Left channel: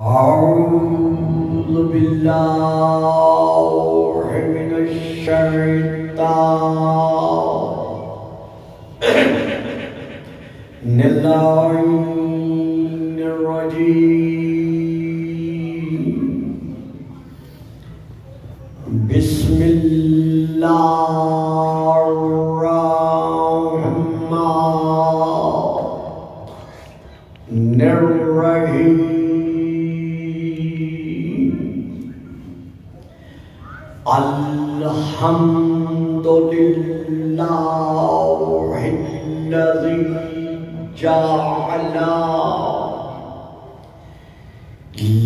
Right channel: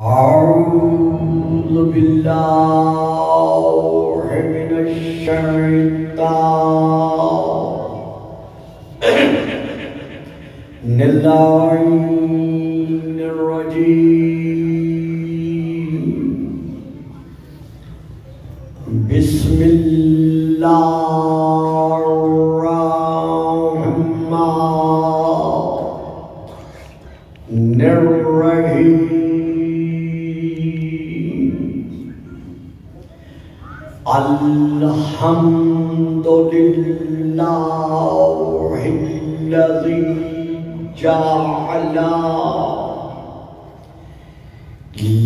أعوذ بالله من الشيطان الرجيم بسم الله الرحمن الرحيم الحمد لله الذي جعل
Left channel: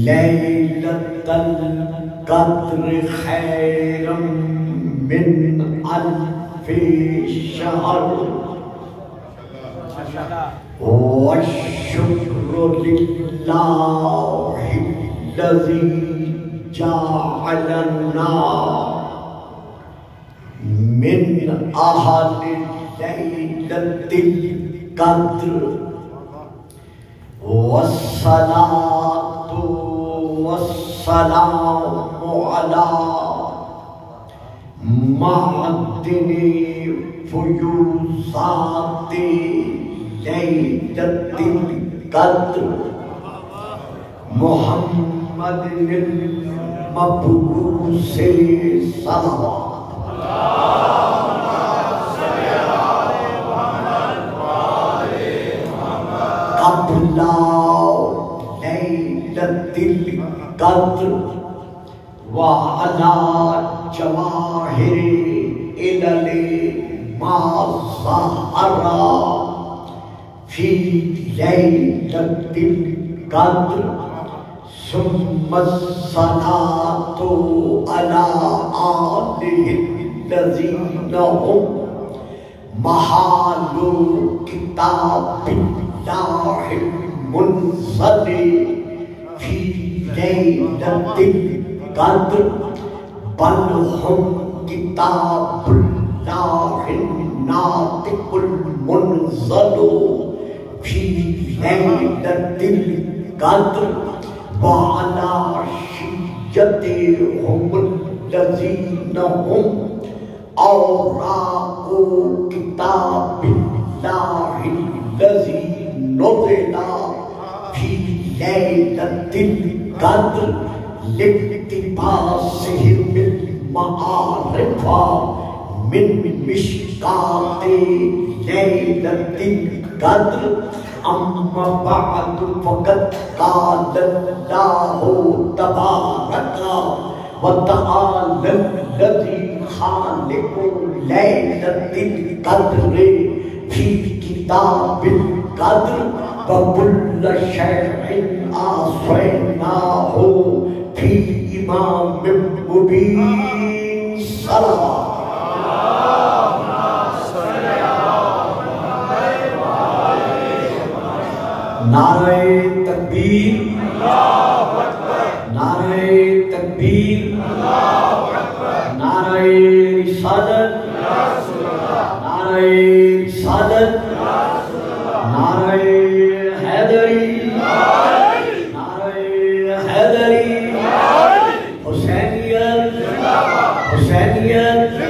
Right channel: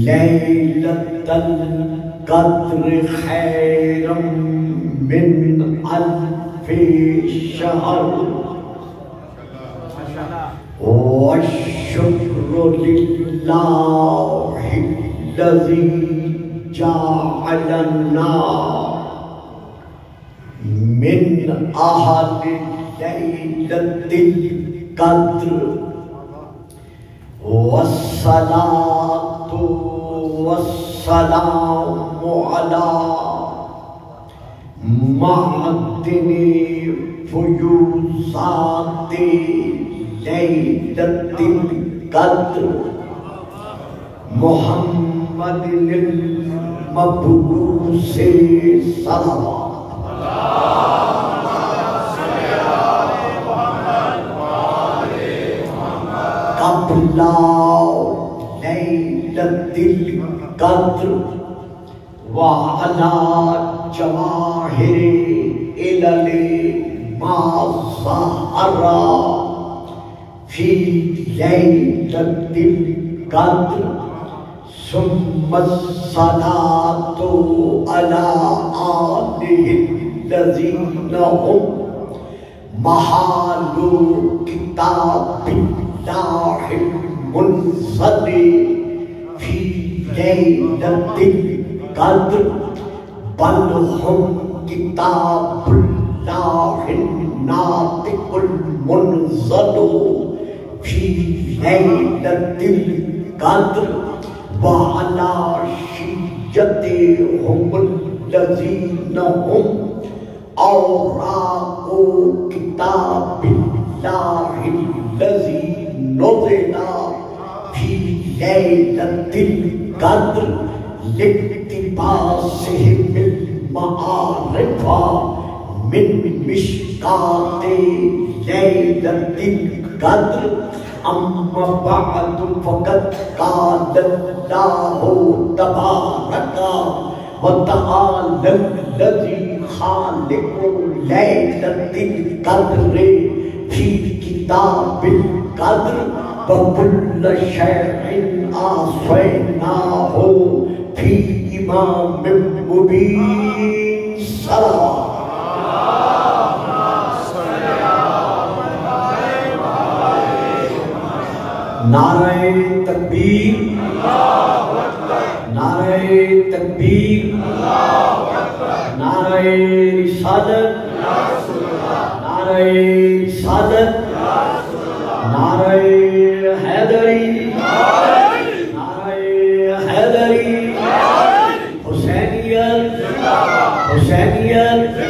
ليلة القدر خيرا من ألف شهر والشكر لله الذي جعلنا من أهل ليلة القدر والصلاة والسلام على معدن فيوزات ليلة القدر محمد المبعوث صلوات قبل ليلة القدر وعلى جواهر إلى ما ظهر في ليلة القدر ثم الصلاة على آله الذين هم محال كتاب الله المنزل في ليلة القدر بل هم كتاب الله الناطق المنزل في ليلة القدر وعلى شيعتهم الذين هم أوراق كتاب الله الذي نزل في ليلة القدر لاقتباسهم المعارف من مشكاة ليلة القدر أما بعد فقد قال الله تبارك وتعالى الذي خالق ليلة القدر في كتاب القدر وكل شيء أحصيناه في إمام مبين صلوات نعرہ تکبیر نعرہ تکبیر نعرہ رسالت نعرہ رسالت نعرہ حیدری نعرہ حیدری حسینیت حسینیت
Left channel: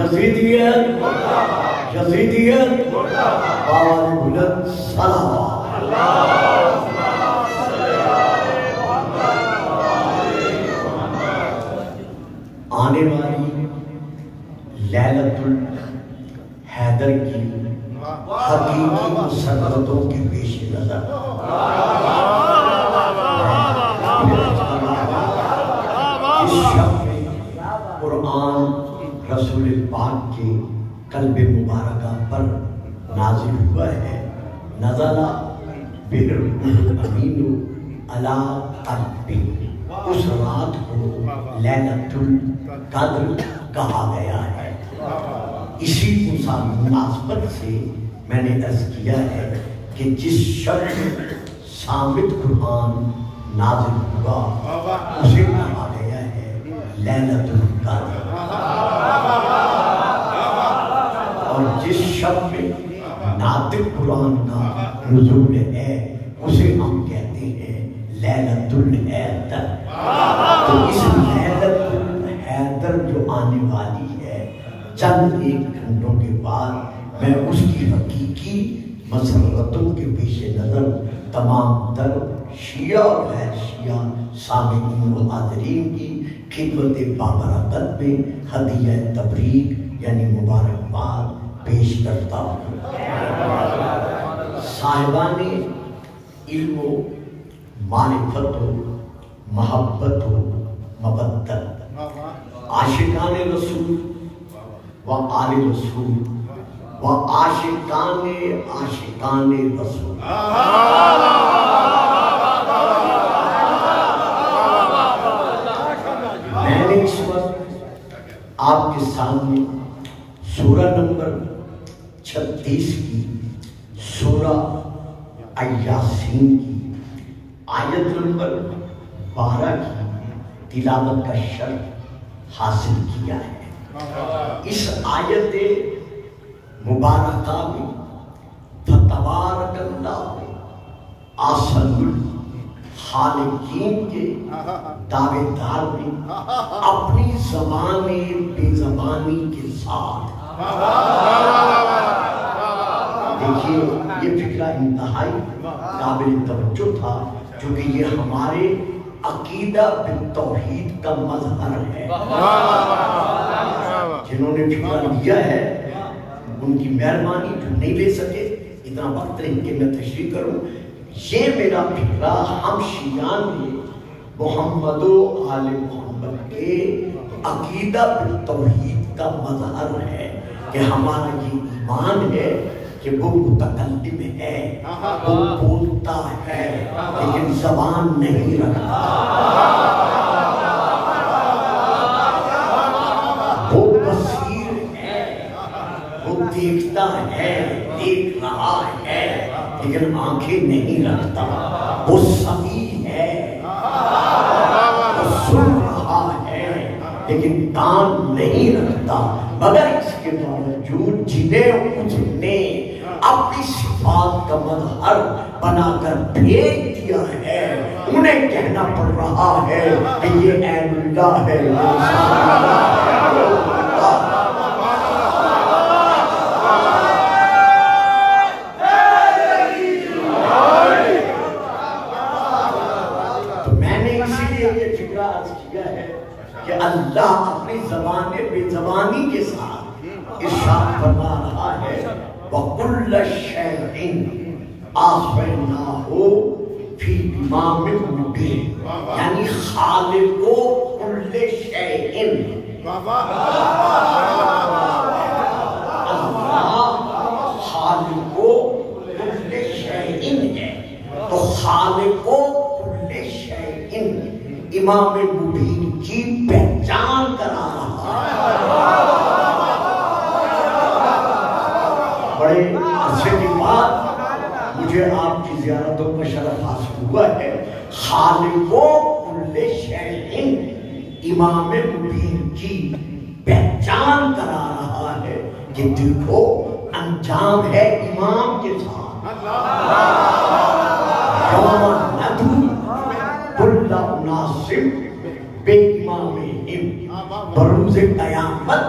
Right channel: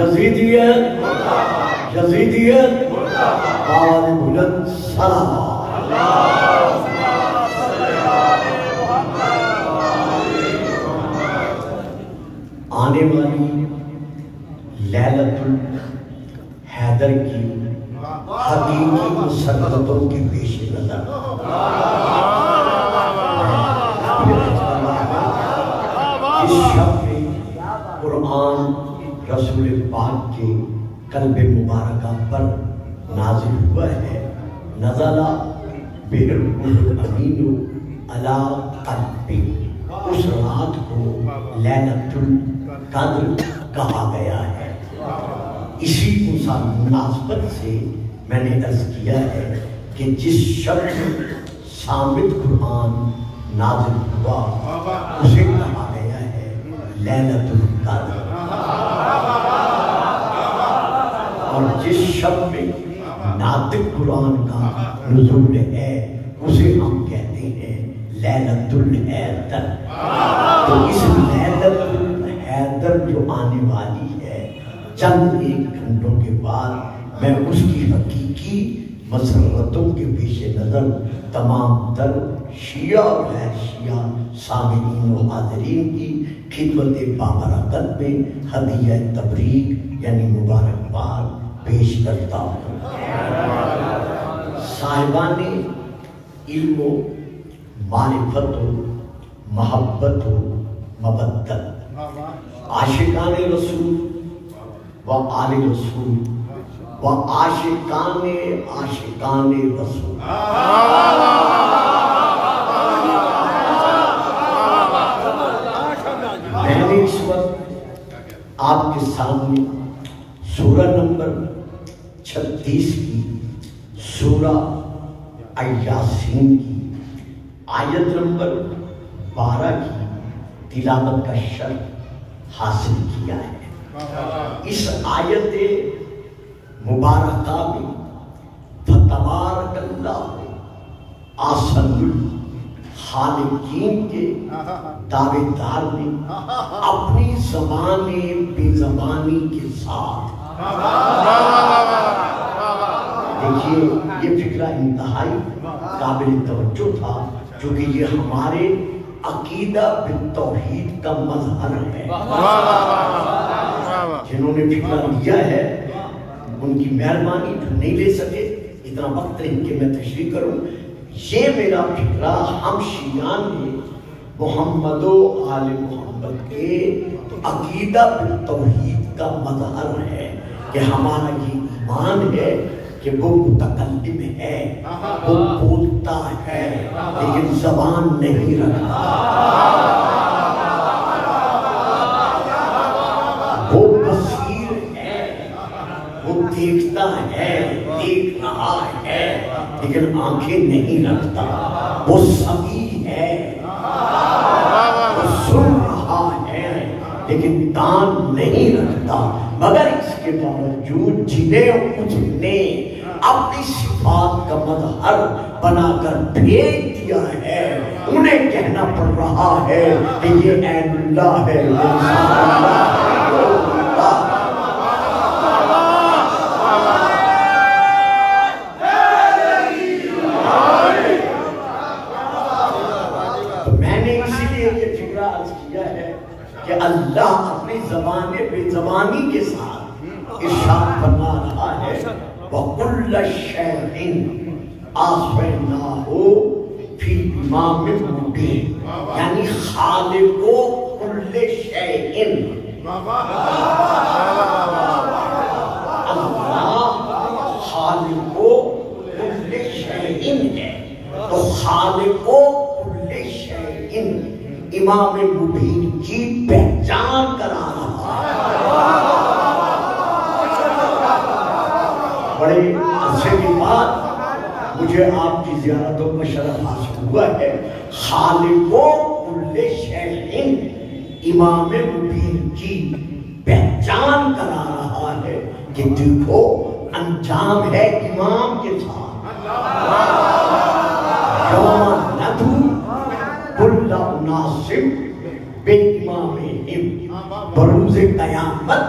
یزیدیت یزیدیت اور بلند سلام آنے والی لیلۃ الحیدر کی حقیقی مسرتوں کی پیش نظر اس شب میں قرآن رسول پاک کے قلب مبارکہ پر نازل ہوا ہے نزل بالروح الامین علی قلبک اس رات کو لیلۃ القدر کہا گیا ہے اسی مناسبت سے میں نے عرض کیا ہے کہ جس شب صامت قرآن نازل ہوا اسے کہا گیا ہے لیلۃ القدر اور جس شب میں ناطق قرآن کا نزول ہے اسے ہم کہتے ہیں لیلۃ الحیدر. تو اس لیلۃ الحیدر جو آنے والی ہے چند ایک گھنٹوں کے بعد، میں اس کی حقیقی مسرتوں کے پیش نظر تمام تر شیعہ و غیر شیعہ سامعین و حاضرین کی خدمت بابرکت میں ہدیہ تبریک یعنی مبارکباد پیش کرتا ہوں. صاحبان علم و معرفت و محبت و مبدت، عاشقان رسول و آل رسول و عاشقان رسول، میں نے اس وقت آپ کے سامنے سورہ نمبر 36 کی، سورہ یاسین کی آیت نمبر 12 کی تلاوت کا شرف حاصل کیا ہے. اس آیت مبارکہ میں فتبارک اللہ احسن الخالقین کے دعوے دار نے اپنی زبان بے زبانی کے ساتھ، دیکھیے یہ فکرہ انتہائی قابل توجہ تھا، کیونکہ یہ ہمارے عقیدہ بالتوحید کا مظہر ہے. جنہوں نے فکرہ لیا ہے ان کی مہربانی، جو نہیں لے سکے اتنا وقت نہیں کہ میں تشریح کروں. یہ میرا فکرہ ہم شیعان میں محمد و آل محمد کے عقیدہ بالتوحید کا مظہر ہے کہ ہمارا یہ ایمان ہے کہ وہ متکلم ہے، وہ بولتا ہے لیکن زبان نہیں رکھتا، وہ بصیر ہے، وہ دیکھتا ہے، دیکھ رہا ہے لیکن آنکھیں نہیں رکھتا، وہ سمیع ہے، وہ سن رہا ہے لیکن کان نہیں رکھتا. مگر اس کے باوجود جنہیں اس نے اپنی صفات کا مظہر بنا کر بھیج دیا ہے، انہیں کہنا پڑ رہا ہے کہ یہ عین اللہ ہے. تو میں نے اسی لیے یہ فکرہ عرض کیا ہے کہ اللہ اپنی زبان بے زبانی کے ساتھ ارشاد فرما رہا ہے وَكُلَّ شَيْءٍ أَحْصَيْنَاهُ فِي إِمَامٍ مُبِينٍ، یعنی خالق كُلِّ شَيْءٍ، اللہ خالق كُلِّ شَيْءٍ ہے. تو خالق كُلِّ شَيْءٍ امام مبین کی پہچان کرا رہا ہے. بڑے عرصے کے بعد مجھے آپ کی زیارتوں کا شرف حاصل ہوا ہے. خالق کل شیء امام مبین کی پہچان کرا رہا ہے کہ دیکھو انجام ہے امام کے ساتھ. یوم ندعو کل اناس بامامہم، بروز قیامت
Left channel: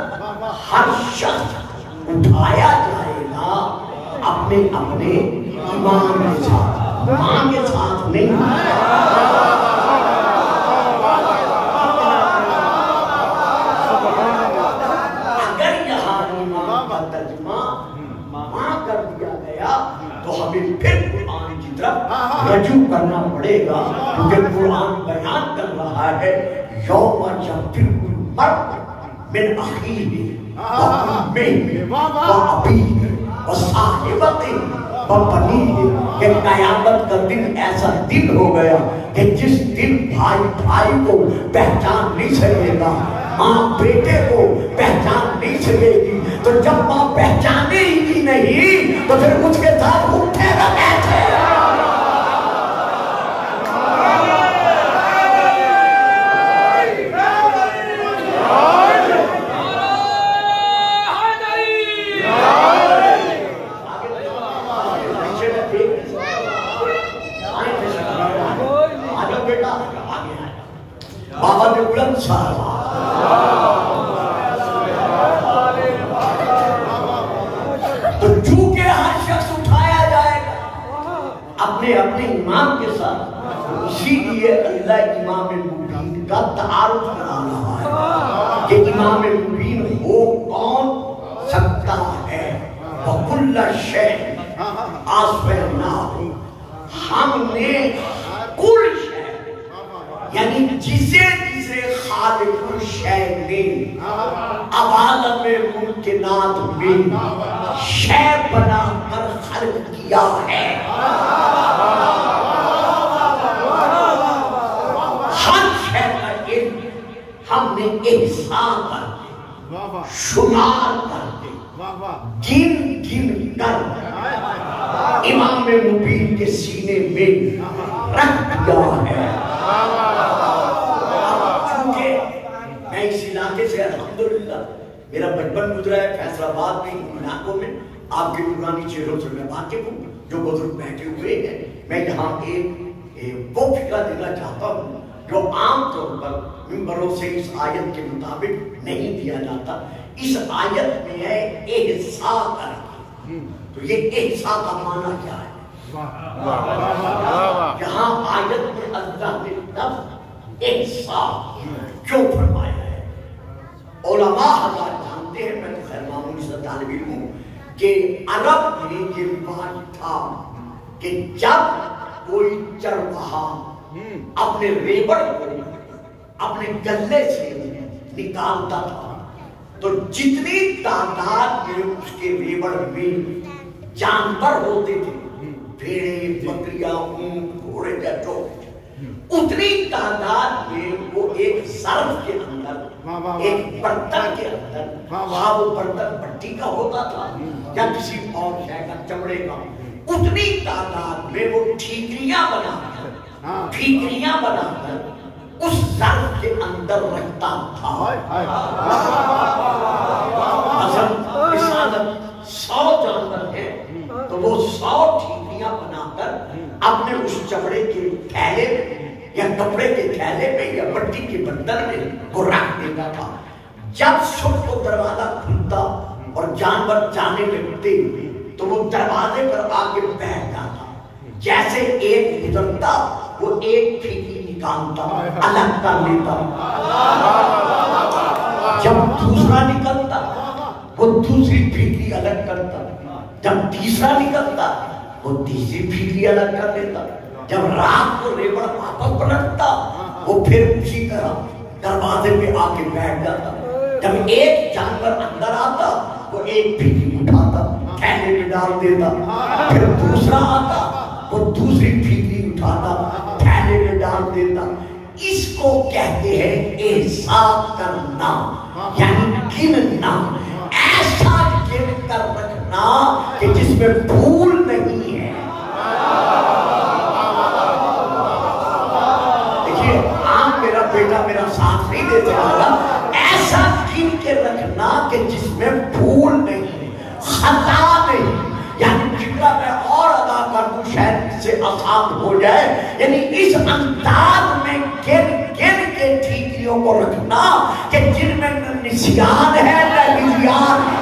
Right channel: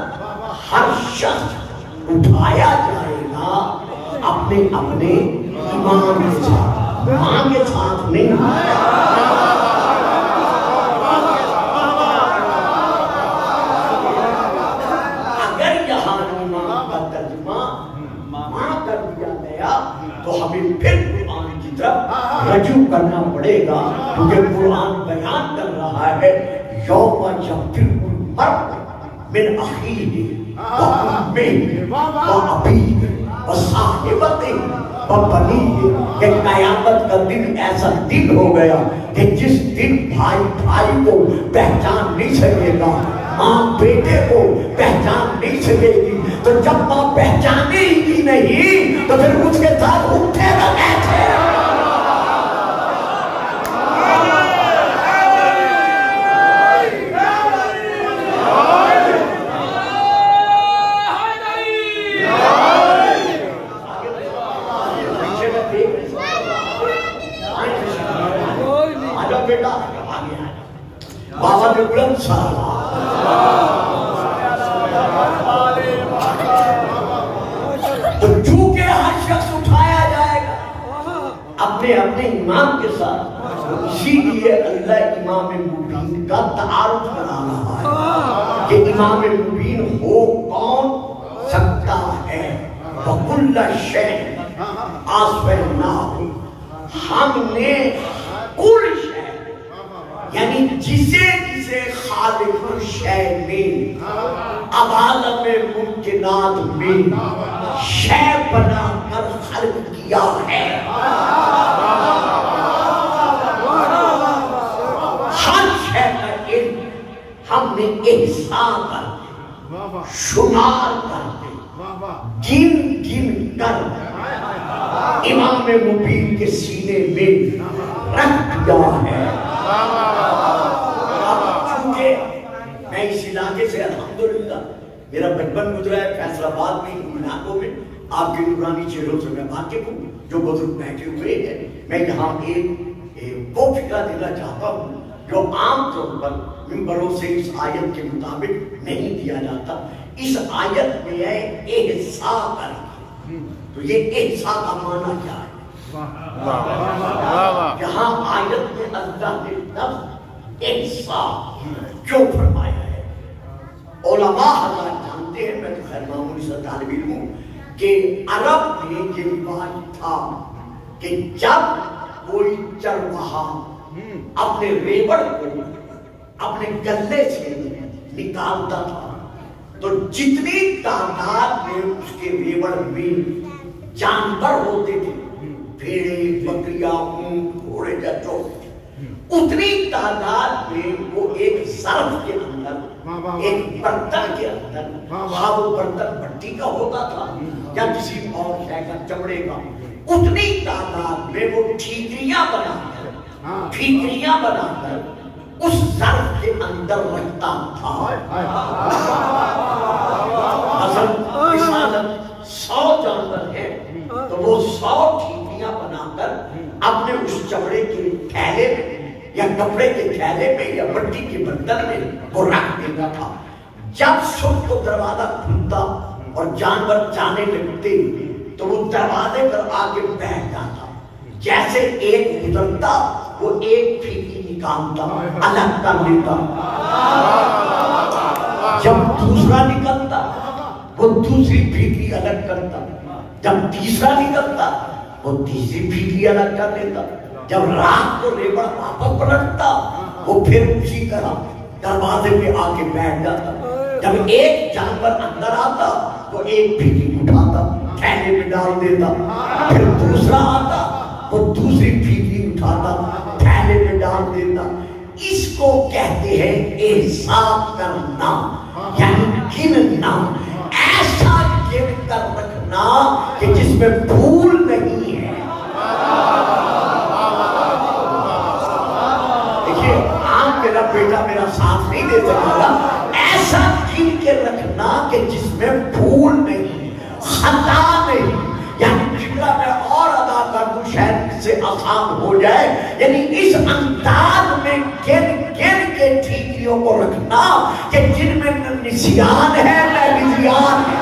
ہر شخص اٹھایا جائے گا اپنے اپنے امام کے ساتھ، ماں کے ساتھ نہیں. اگر یہاں امام کا ترجمہ ماں کر دیا گیا تو ہمیں پھر قرآن کی طرف رجوع کرنا پڑے گا، کیونکہ قرآن بیان کر رہا ہے یوم یفر المرء من اخیہ وأمه وأبيه وصاحبته وبنيه. کہ قیامت کا دن ایسا دن ہو گیا کہ جس دن بھائی بھائی کو پہچان نہیں سکے گا، ماں بیٹے کو پہچان نہیں سکے گی. تو جب ماں پہچانے ہی نہیں تو پھر اس کے ساتھ اٹھے گا کیسے؟ پر بلند سالہ تو چونکہ ہر شخص اٹھایا جائے گا اپنے اپنے امام کے ساتھ، اسی لیے اللہ امام مبین کا تعارف کرا رہا ہے کہ امام مبین ہو کون سکتا ہے۔ وَكُلَّ شَيْءٍ أَحْصَيْنَاهُ، ہم نے کل شے یعنی جسے خالق الشے نے اب عالم ممکنات میں شے بنا کر خلق کیا ہے، ہر شے کا علم ہم نے احسان کر کے شمار کر کے گن کر امام مبین کے سینے میں رکھ دیا ہے۔ چونکہ میں اس علاقے سے الحمدللہ میرا بچپن گزرا ہے فیصل آباد میں علاقوں میں، آپ کے نورانی چہروں سے میں واقف ہوں جو بزرگ بیٹھے ہوئے ہیں۔ میں یہاں ایک وہ فکر دینا چاہتا ہوں جو عام طور پر ممبروں سے اس آیت کے مطابق نہیں دیا جاتا۔ اس آیت میں ہے احسان کر کے، تو یہ احسان کا معنی کیا ہے؟ یہاں آیت میں اللہ نے لفظ احسان کیوں فرمایا ہے؟ علماء ہمارے جانتے ہیں، میں تو خیر معمولی سا طالب علم ہوں، کہ عرب میں یہ رواج تھا کہ جب کوئی چرواہا اپنے ریبڑ کو اپنے گلے سے نکالتا تھا تو جتنی تعداد میں اس کے ریبڑ میں جانور ہوتے تھے، بھیڑیں، بکریاں، اونٹ، گھوڑے، جو اتنی تعداد میں وہ ایک ظرف کے اندر، ایک برتن کے اندر، ہاں وہ برتن مٹی کا ہوتا تھا یا کسی اور شے کا، چمڑے کا، اتنی تعداد میں وہ ٹھیکریاں بنا کر اس ظرف کے اندر رکھتا تھا۔ مثلاً 100 جانور ہیں تو وہ 100 ٹھیکریاں بنا کر اپنے اس چمڑے کے تھیلے میں یا کپڑے کے تھیلے میں یا مٹی کے برتن میں وہ رکھ دیتا تھا۔ جب صبح کو دروازہ کھلتا اور جانور جانے لگتے تو وہ دروازے پر آگے بیٹھ جاتا، جیسے ایک گزرتا وہ ایک ٹھیکری نکالتا، الگ کر لیتا، جب دوسرا نکلتا وہ دوسری ٹھیکری الگ کرتا، جب تیسرا نکلتا وہ تیسری ٹھیکری الگ کر لیتا، جب رات کو ریبڑ واپس پلٹتا وہ پھر اسی طرح دروازے پہ آ کے بیٹھ جاتا، جب ایک جانور اندر آتا وہ ایک ٹھیکری اٹھاتا، تھیلے میں ڈال دیتا، پھر دوسرا آتا وہ دوسری ٹھیکری اٹھاتا، تھیلے میں ڈال دیتا۔ اس کو کہتے ہیں احسان کرنا، یعنی گننا، ایسا گن کر رکھنا کہ جس میں بھول نہیں ہے۔ دیکھیے آج میرا بیٹا میرا ساتھ نہیں دیتا رہا، ایسا گن کے رکھنا کہ جس میں بھول نہیں، خطا نہیں، یعنی جگہ میں اور ادا کر دوں شاید سے آسان ہو جائے، یعنی اس انداز میں گن کے ٹھیکریوں کو رکھنا کہ جن میں نسیان ہے نہ نسیان ہے۔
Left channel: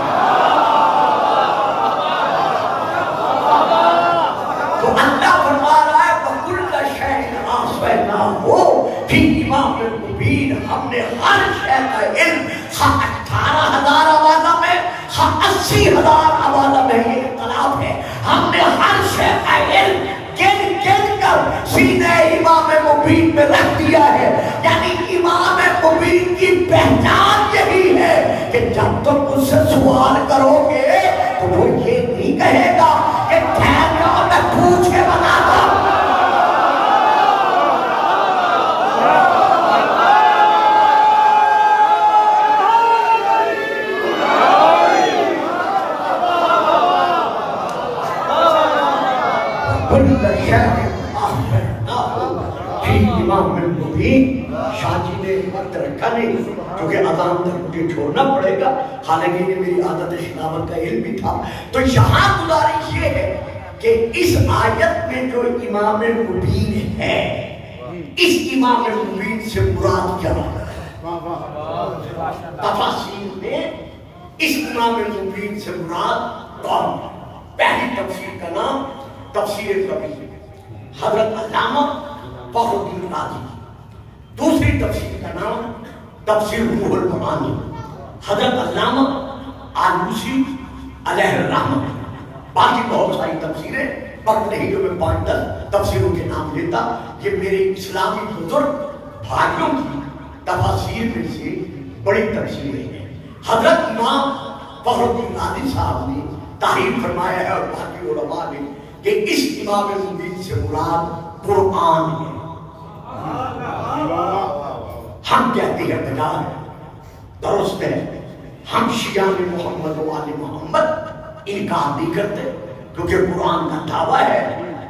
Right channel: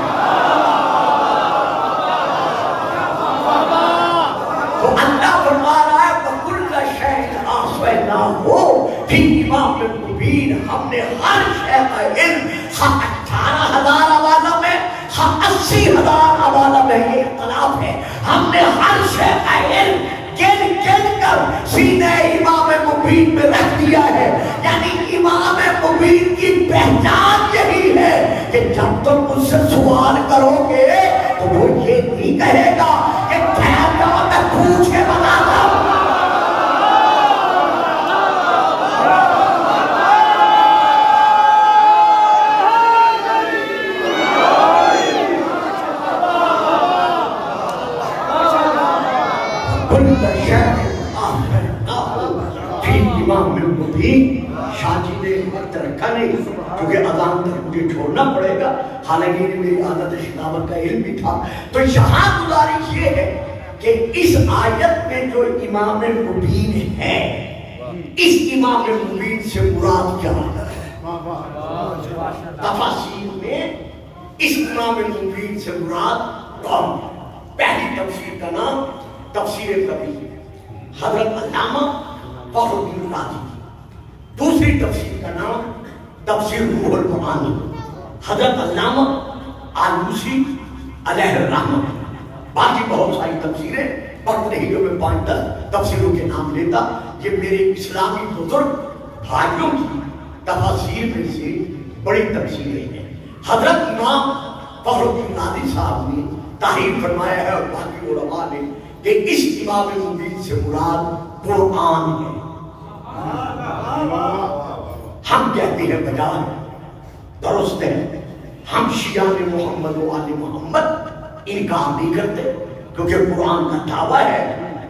تو اللہ فرما رہا ہے وَكُلَّ شَيْءٍ أَحْصَيْنَاهُ فِي إِمَامٍ مُبِينٍ، ہم نے ہر شے کا علم 18,000 حوالہ میں 80,000 حوالہ میں یہ اختلاف ہے، ہم نے ہر شے کا علم گن کر سینے امام مبین میں رکھ دیا ہے۔ یعنی امام مبین کی پہچان یہی ہے کہ جب تم مجھ سے سوال کرو گے تو وہ یہ نہیں کہے گا کہ میں پوچھ کے بتا دوں۔ شاہ جی نے وقت رکھا نہیں کیونکہ اذان تک مجھے چھوڑنا پڑے گا، حالانکہ یہ میری عادت خلافت کا علم بھی تھا۔ تو یہاں گزارش یہ ہے کہ اس آیت میں جو امام مبین ہے، اس امام مبین سے مراد کیا ہے؟ تفاسیر میں اس امام مبین سے مراد کون؟ پہلی تفسیر کا نام تفسیر کبیر حضرت علامہ فخر الدین رازی، دوسری تفسیر کا نام تفسیر روح المعانی حضرت علامہ آلوسی علیہ الرحمہ۔ باقی بہت ساری تفسیریں وقت نہیں جو میں 5-10 تفسیروں کے نام لیتا، یہ میرے اسلامی بزرگ بھائیوں کی تفاسیر میں سے بڑی تفسیریں ہیں۔ حضرت امام فخر الدین رازی صاحب نے تعریف فرمایا ہے اور باقی علماء نے کہ اس امام مبین سے مراد قرآن ہے۔ ہم کہتے ہیں بجائے درست ہے، ہم شیعہ محمد و آل محمد انکار نہیں کرتے، کیونکہ قرآن کا دعویٰ ہے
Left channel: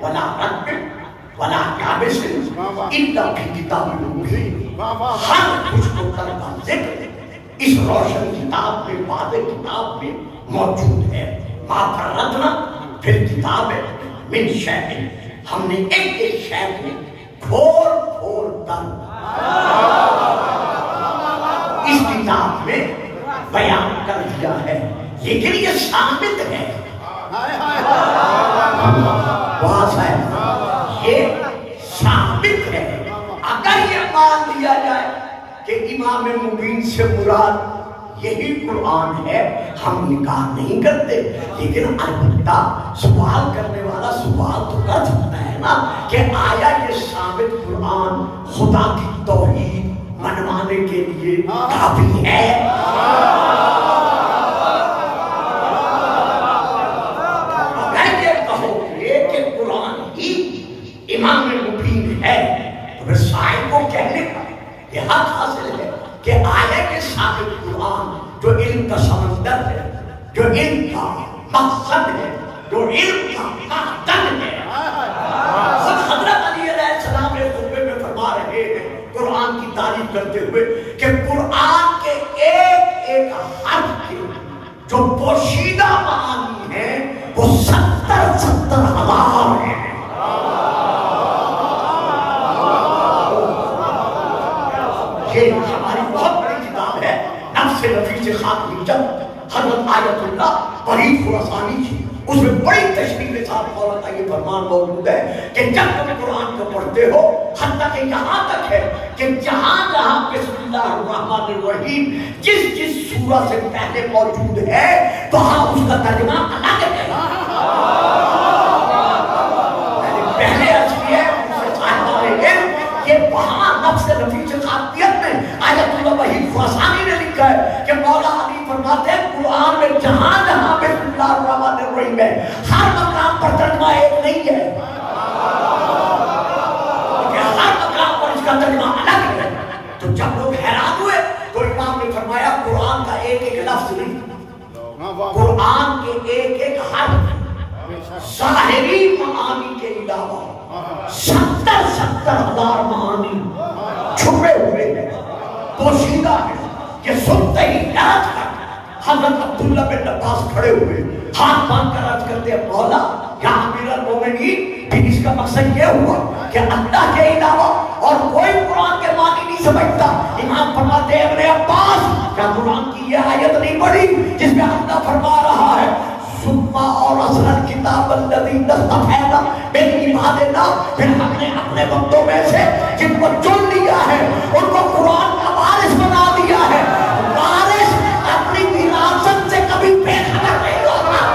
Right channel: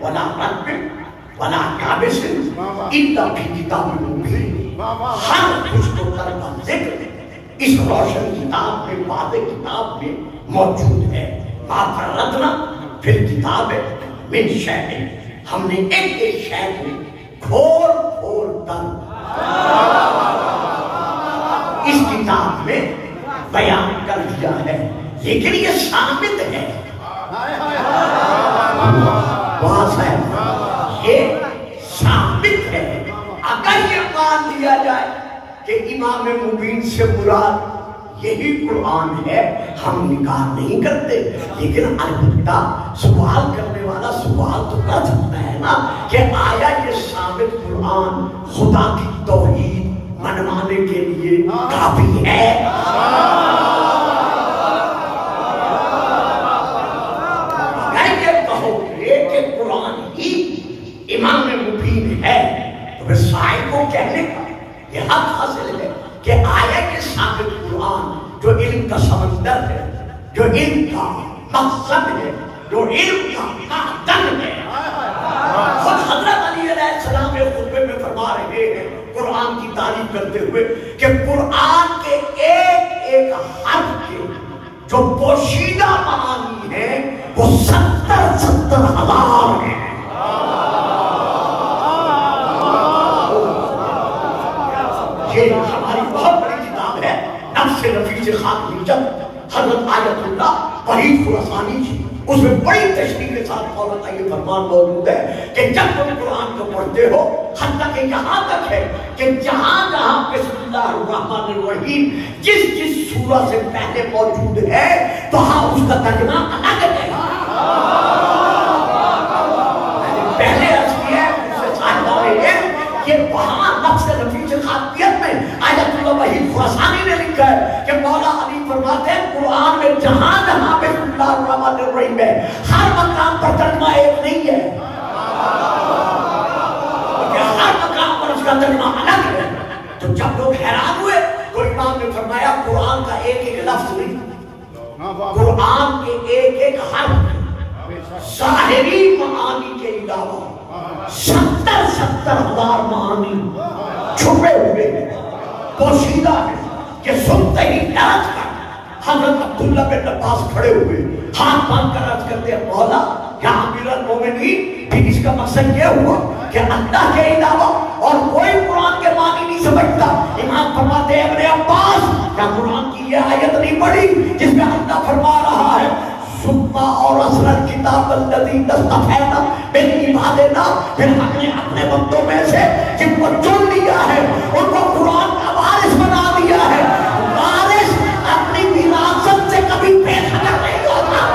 وَلَا رَبٍ وَلَا كَابِسٍ إِلَّا فِي كِتَابٍ مُبِينٍ۔ ہر خوش و تر کا ذکر اس روشن کتاب میں، واضح کتاب میں موجود ہے۔ مَا فَرَّطْنَا فِي الْكِتَابِ مِنْ شَيْءٍ، ہم نے ایک ایک شے کو کھول کھول کر اس کتاب میں بیان کر دیا ہے، لیکن یہ ثابت ہے وہاں صاحب، یہ ثابت ہے۔ اگر یہ مان لیا جائے کہ امام مبین سے مراد یہی قرآن ہے، ہم انکار نہیں کرتے، لیکن البتہ سوال کرنے والا سوال تو کر سکتا ہے نا کہ آیا یہ ثابت قرآن خدا کی توحید منوانے کے لیے کافی ہے؟ اگر یہ کہو گے کہ قرآن ہی امام مبین ہے تو پھر صاحب کو کہنے کا یہ حق حاصل ہے کہ آیا یہ ثابت قرآن جو علم کا سمندر ہے، جو علم کا مقصد ہے، جو علم کا معدن ہے۔ خود حضرت علی علیہ السلام ایک خطبے میں فرما رہے ہیں قرآن کی تعریف کرتے ہوئے کہ قرآن کے ایک ایک حرف کے جو پوشیدہ معانی ہیں وہ 70,000 ہیں۔ یہ ہماری بہت بڑی کتاب ہے، نفس نفیس خاک حجت حضرت آیت اللہ وحید خراسانی کی، اس میں بڑی تشریح کے ساتھ فوراً کا یہ فرمان موجود ہے کہ جب تم قرآن کو پڑھتے ہو، حتیٰ کہ یہاں تک ہے کہ جہاں جہاں بسم اللہ الرحمن الرحیم جس سورہ سے پہلے موجود ہے وہاں اس کا ترجمہ الگ ہے۔ پہلے عرض کیا ہے اس سے صاحب کہ وہاں نفس نفیس خاکیت میں آیت اللہ وحید خراسانی نے لکھا ہے کہ مولا علی فرماتے ہیں قرآن میں جہاں جہاں بسم اللہ الرحمن الرحیم ہے ہر مقام پر ترجمہ ایک نہیں ہے، ہر مقام پر اس کا ترجمہ الگ ہے۔ تو جب لوگ حیران ہوئے تو امام نے فرمایا قرآن کا ایک ایک لفظ نہیں، قرآن کے ایک ایک حرف ظاہری معانی کے علاوہ 70,000 معانی چھپے ہوئے ہیں، پوشیدہ ہیں، کہ سنتے ہی ڈرت کر حضرت عبداللہ بن عباس کھڑے ہوئے ہاتھ باندھ کر عرض کرتے ہیں مولا یا امیر المومنین، پھر اس کا مقصد یہ ہوا کہ اللہ کے علاوہ اور کوئی قرآن کے معنی نہیں سمجھتا۔ امام فرماتے ہیں ابن عباس کیا قرآن کی یہ آیت نہیں پڑھی جس میں اللہ فرما رہا ہے ثم اور اصل کتاب الذی اصطفینا من عبادنا، پھر ہم نے اپنے بندوں میں سے جن کو چن لیا ہے ان کو قرآن کا وارث بنا دیا ہے۔ وارث اپنی وراثت سے کبھی بے خبر نہیں ہوتا۔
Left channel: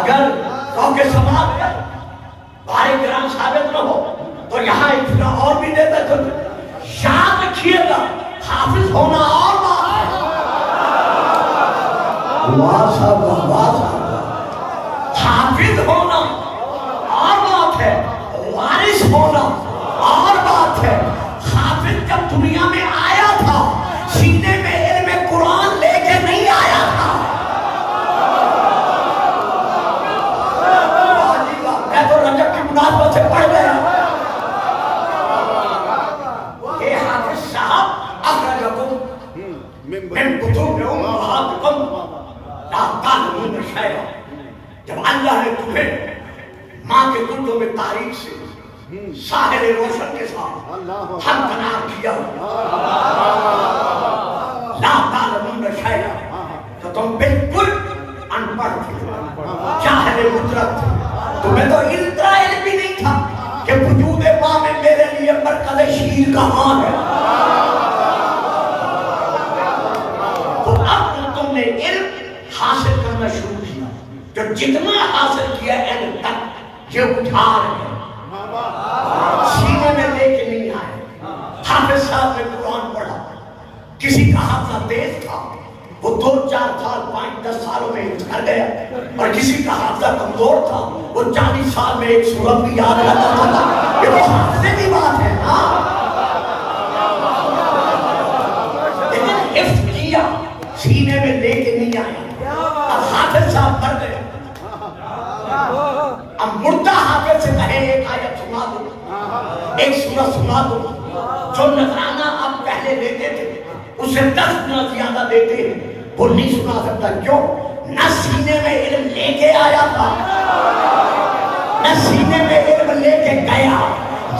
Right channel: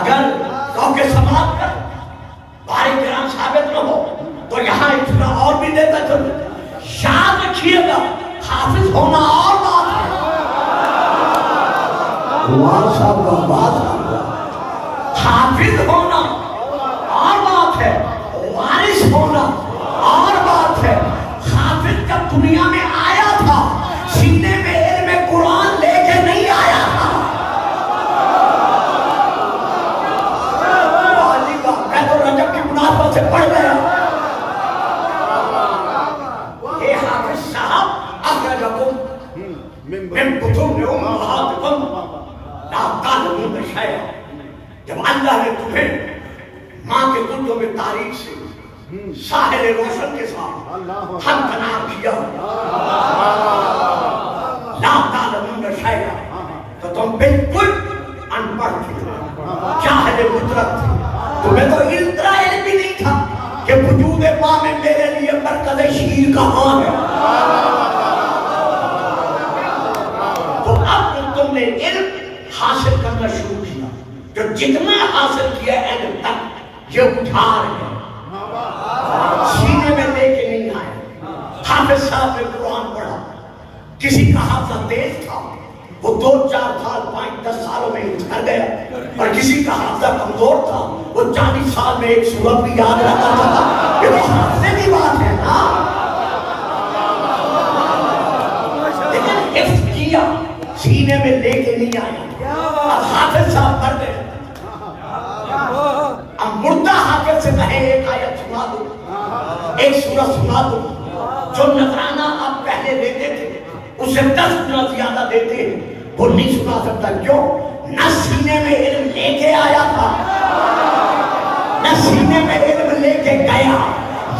اگر روکے سماعت کا بھائی گرام ثابت نہ ہو تو یہاں ایک پورا اور بھی دیتا چلو، یاد رکھیے گا حافظ ہونا اور بات ہے، حافظ ہونا اور بات ہے، وارث ہونا اور بات ہے۔ حافظ جب دنیا میں آیا تھا سینے میں علم قرآن لے کے نہیں آیا تھا۔ میں تو رجب کی مناسبت سے پڑھ گیا، یہ حافظ صاحب اخرجکم من کتب امہاتکم لا تعلمون شیئا. جب اللہ نے تمہیں ماں کے کتب تاریخ سے ساحل روشن کے ساتھ ہمکنار کیا لا تعلمون شیئا تو تم بالکل ان پڑھ تھے، جاہل مطلق تھے. تمہیں تو اتنا علم بھی نہیں تھا کہ وجود ماں میں میرے لیے مرکز شیر کہاں ہے. تو اب تم نے علم حاصل کرنا شروع کیا، تو جتنا حاصل کیا علم تک یہ اٹھار ہے، سینے میں لے کے نہیں آئے. حافظ صاحب نے قرآن پڑھا، کسی کا حافظہ تیز تھا، وہ 2-4 سال 5-10 سالوں میں اتر گیا، اور کسی کا حافظہ کمزور تھا، وہ 40 سال میں ایک سورت بھی یاد رہتا تھا. یہ تو حافظے کی بات ہے نا. لیکن حفظ کیا، سینے میں لے کے نہیں آیا. اب حافظ صاحب مر گئے، اب مردہ حافظ سے کہے ایک آیت سنا دو، ایک سورت سنا دو. جو نذرانہ آپ پہلے دیتے تھے اس سے 10 گنا زیادہ دیتے، وہ نہیں سنا سکتا. کیوں؟ نہ سینے میں علم لے کے آیا تھا، نہ سینے میں علم لے کے گیا.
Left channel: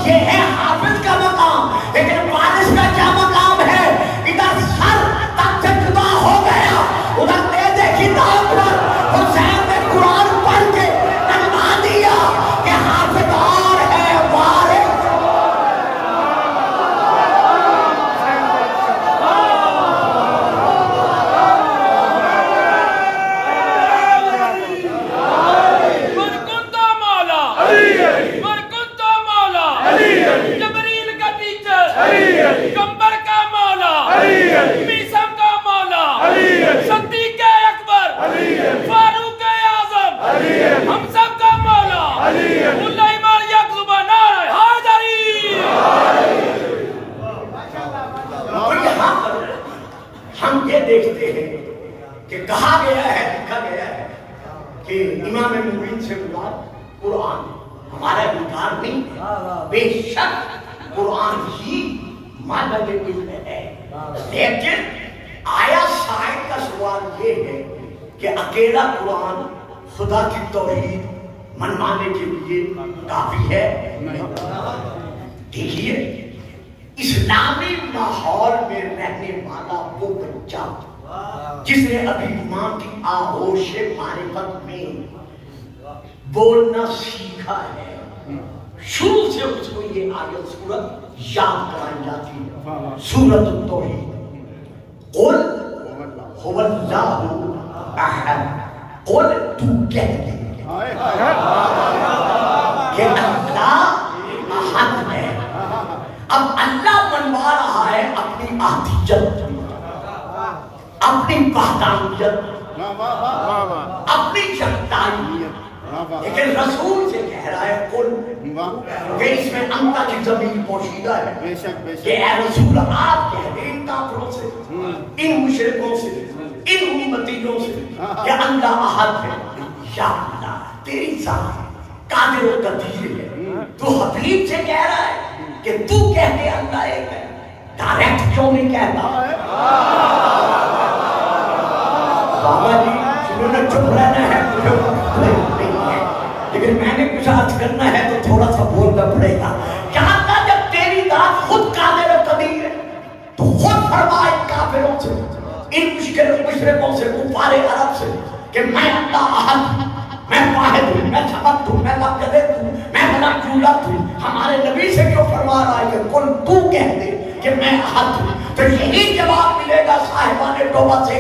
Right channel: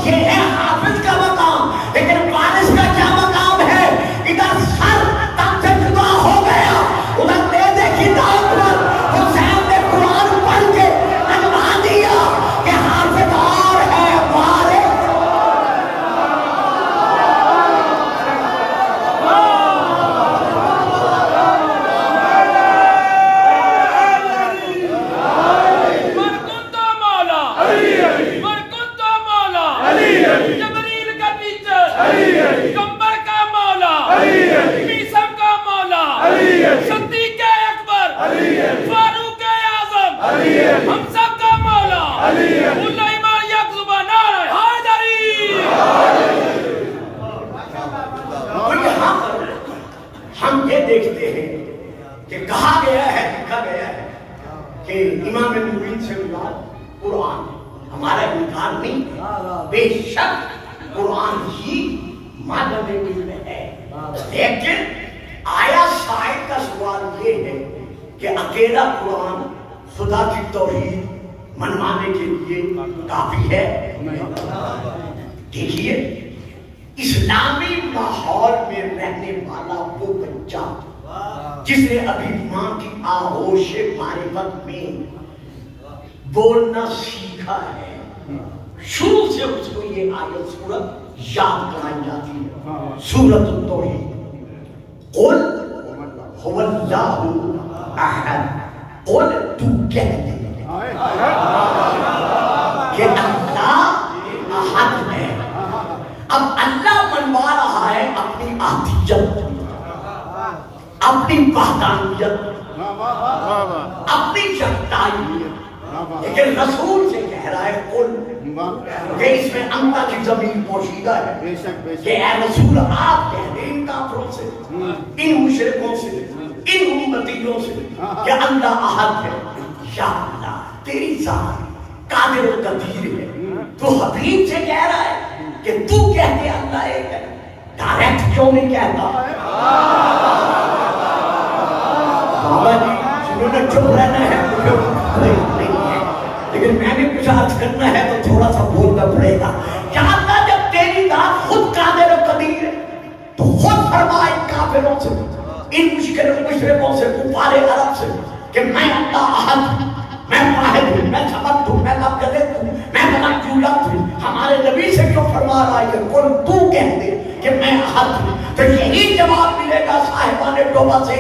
یہ ہے حافظ کا مقام. لیکن وارث کا کیا مقام ہے؟ ادھر سر تک سے جدا ہو گیا، ادھر نیزے کی داؤ پر حسین نے قرآن پڑھ کے اجما دیا کہ حافظ اور ہے وارث. ہم یہ دیکھتے ہیں کہ کہا گیا ہے، لکھا گیا ہے کہ امام مبین سے مراد قرآن، ہمارا انکار نہیں، بے شک قرآن ہی مادہ علم ہے. لیکن آیا شاید کا سوال یہ ہے کہ اکیلا قرآن خدا کی توحید منوانے کے لیے کافی ہے؟ دیکھیے، اسلامی ماحول میں رہنے والا وہ بچہ جس نے ابھی ماں کی آغوش معرفت میں بولنا سیکھا ہے، شروع سے اس کو یہ آیت سورت یاد کرائی جاتی ہے. سورت التوحید، قل هو اللہ احد. قل تو کہہ دے کہ اللہ احد ہے. اب اللہ منوا رہا ہے اپنی احدیت، اپنی وحدانیت، اپنی یکتائیت. لیکن رسول سے کہہ رہا ہے قل، کہ اس میں انتا کی ضمیر پوشیدہ ہے کہ اے رسول آپ کہہ دیں ان کافروں سے، ان مشرکوں سے، ان امتیوں سے کہ اللہ احد ہے. یا اللہ تیری ذات قادر و قدیر ہے، تو حبیب سے کہہ رہا ہے کہ تو کہتے اللہ ایک ہے، ڈائریکٹ کیوں نہیں کہتا؟ بابا جی انہوں نے چپ رہنا ہے، لیکن میں نے کچھ آج کرنا ہے تو تھوڑا سا بولنا پڑے گا. چاہتا جب تیری ذات خود قادر و قدیر ہے تو خود فرما ان کافروں سے، ان مشرکوں سے، کفار عرب سے کہ میں اللہ احد، میں واحد ہوں، میں سمد ہوں، میں لب جدید ہوں، میں بلک جولت ہوں. ہمارے نبی سے کیوں فرما رہا ہے کہ قل تو کہہ دے کہ میں احد ہوں؟ تو یہی جواب ملے گا صاحبان توبہ سے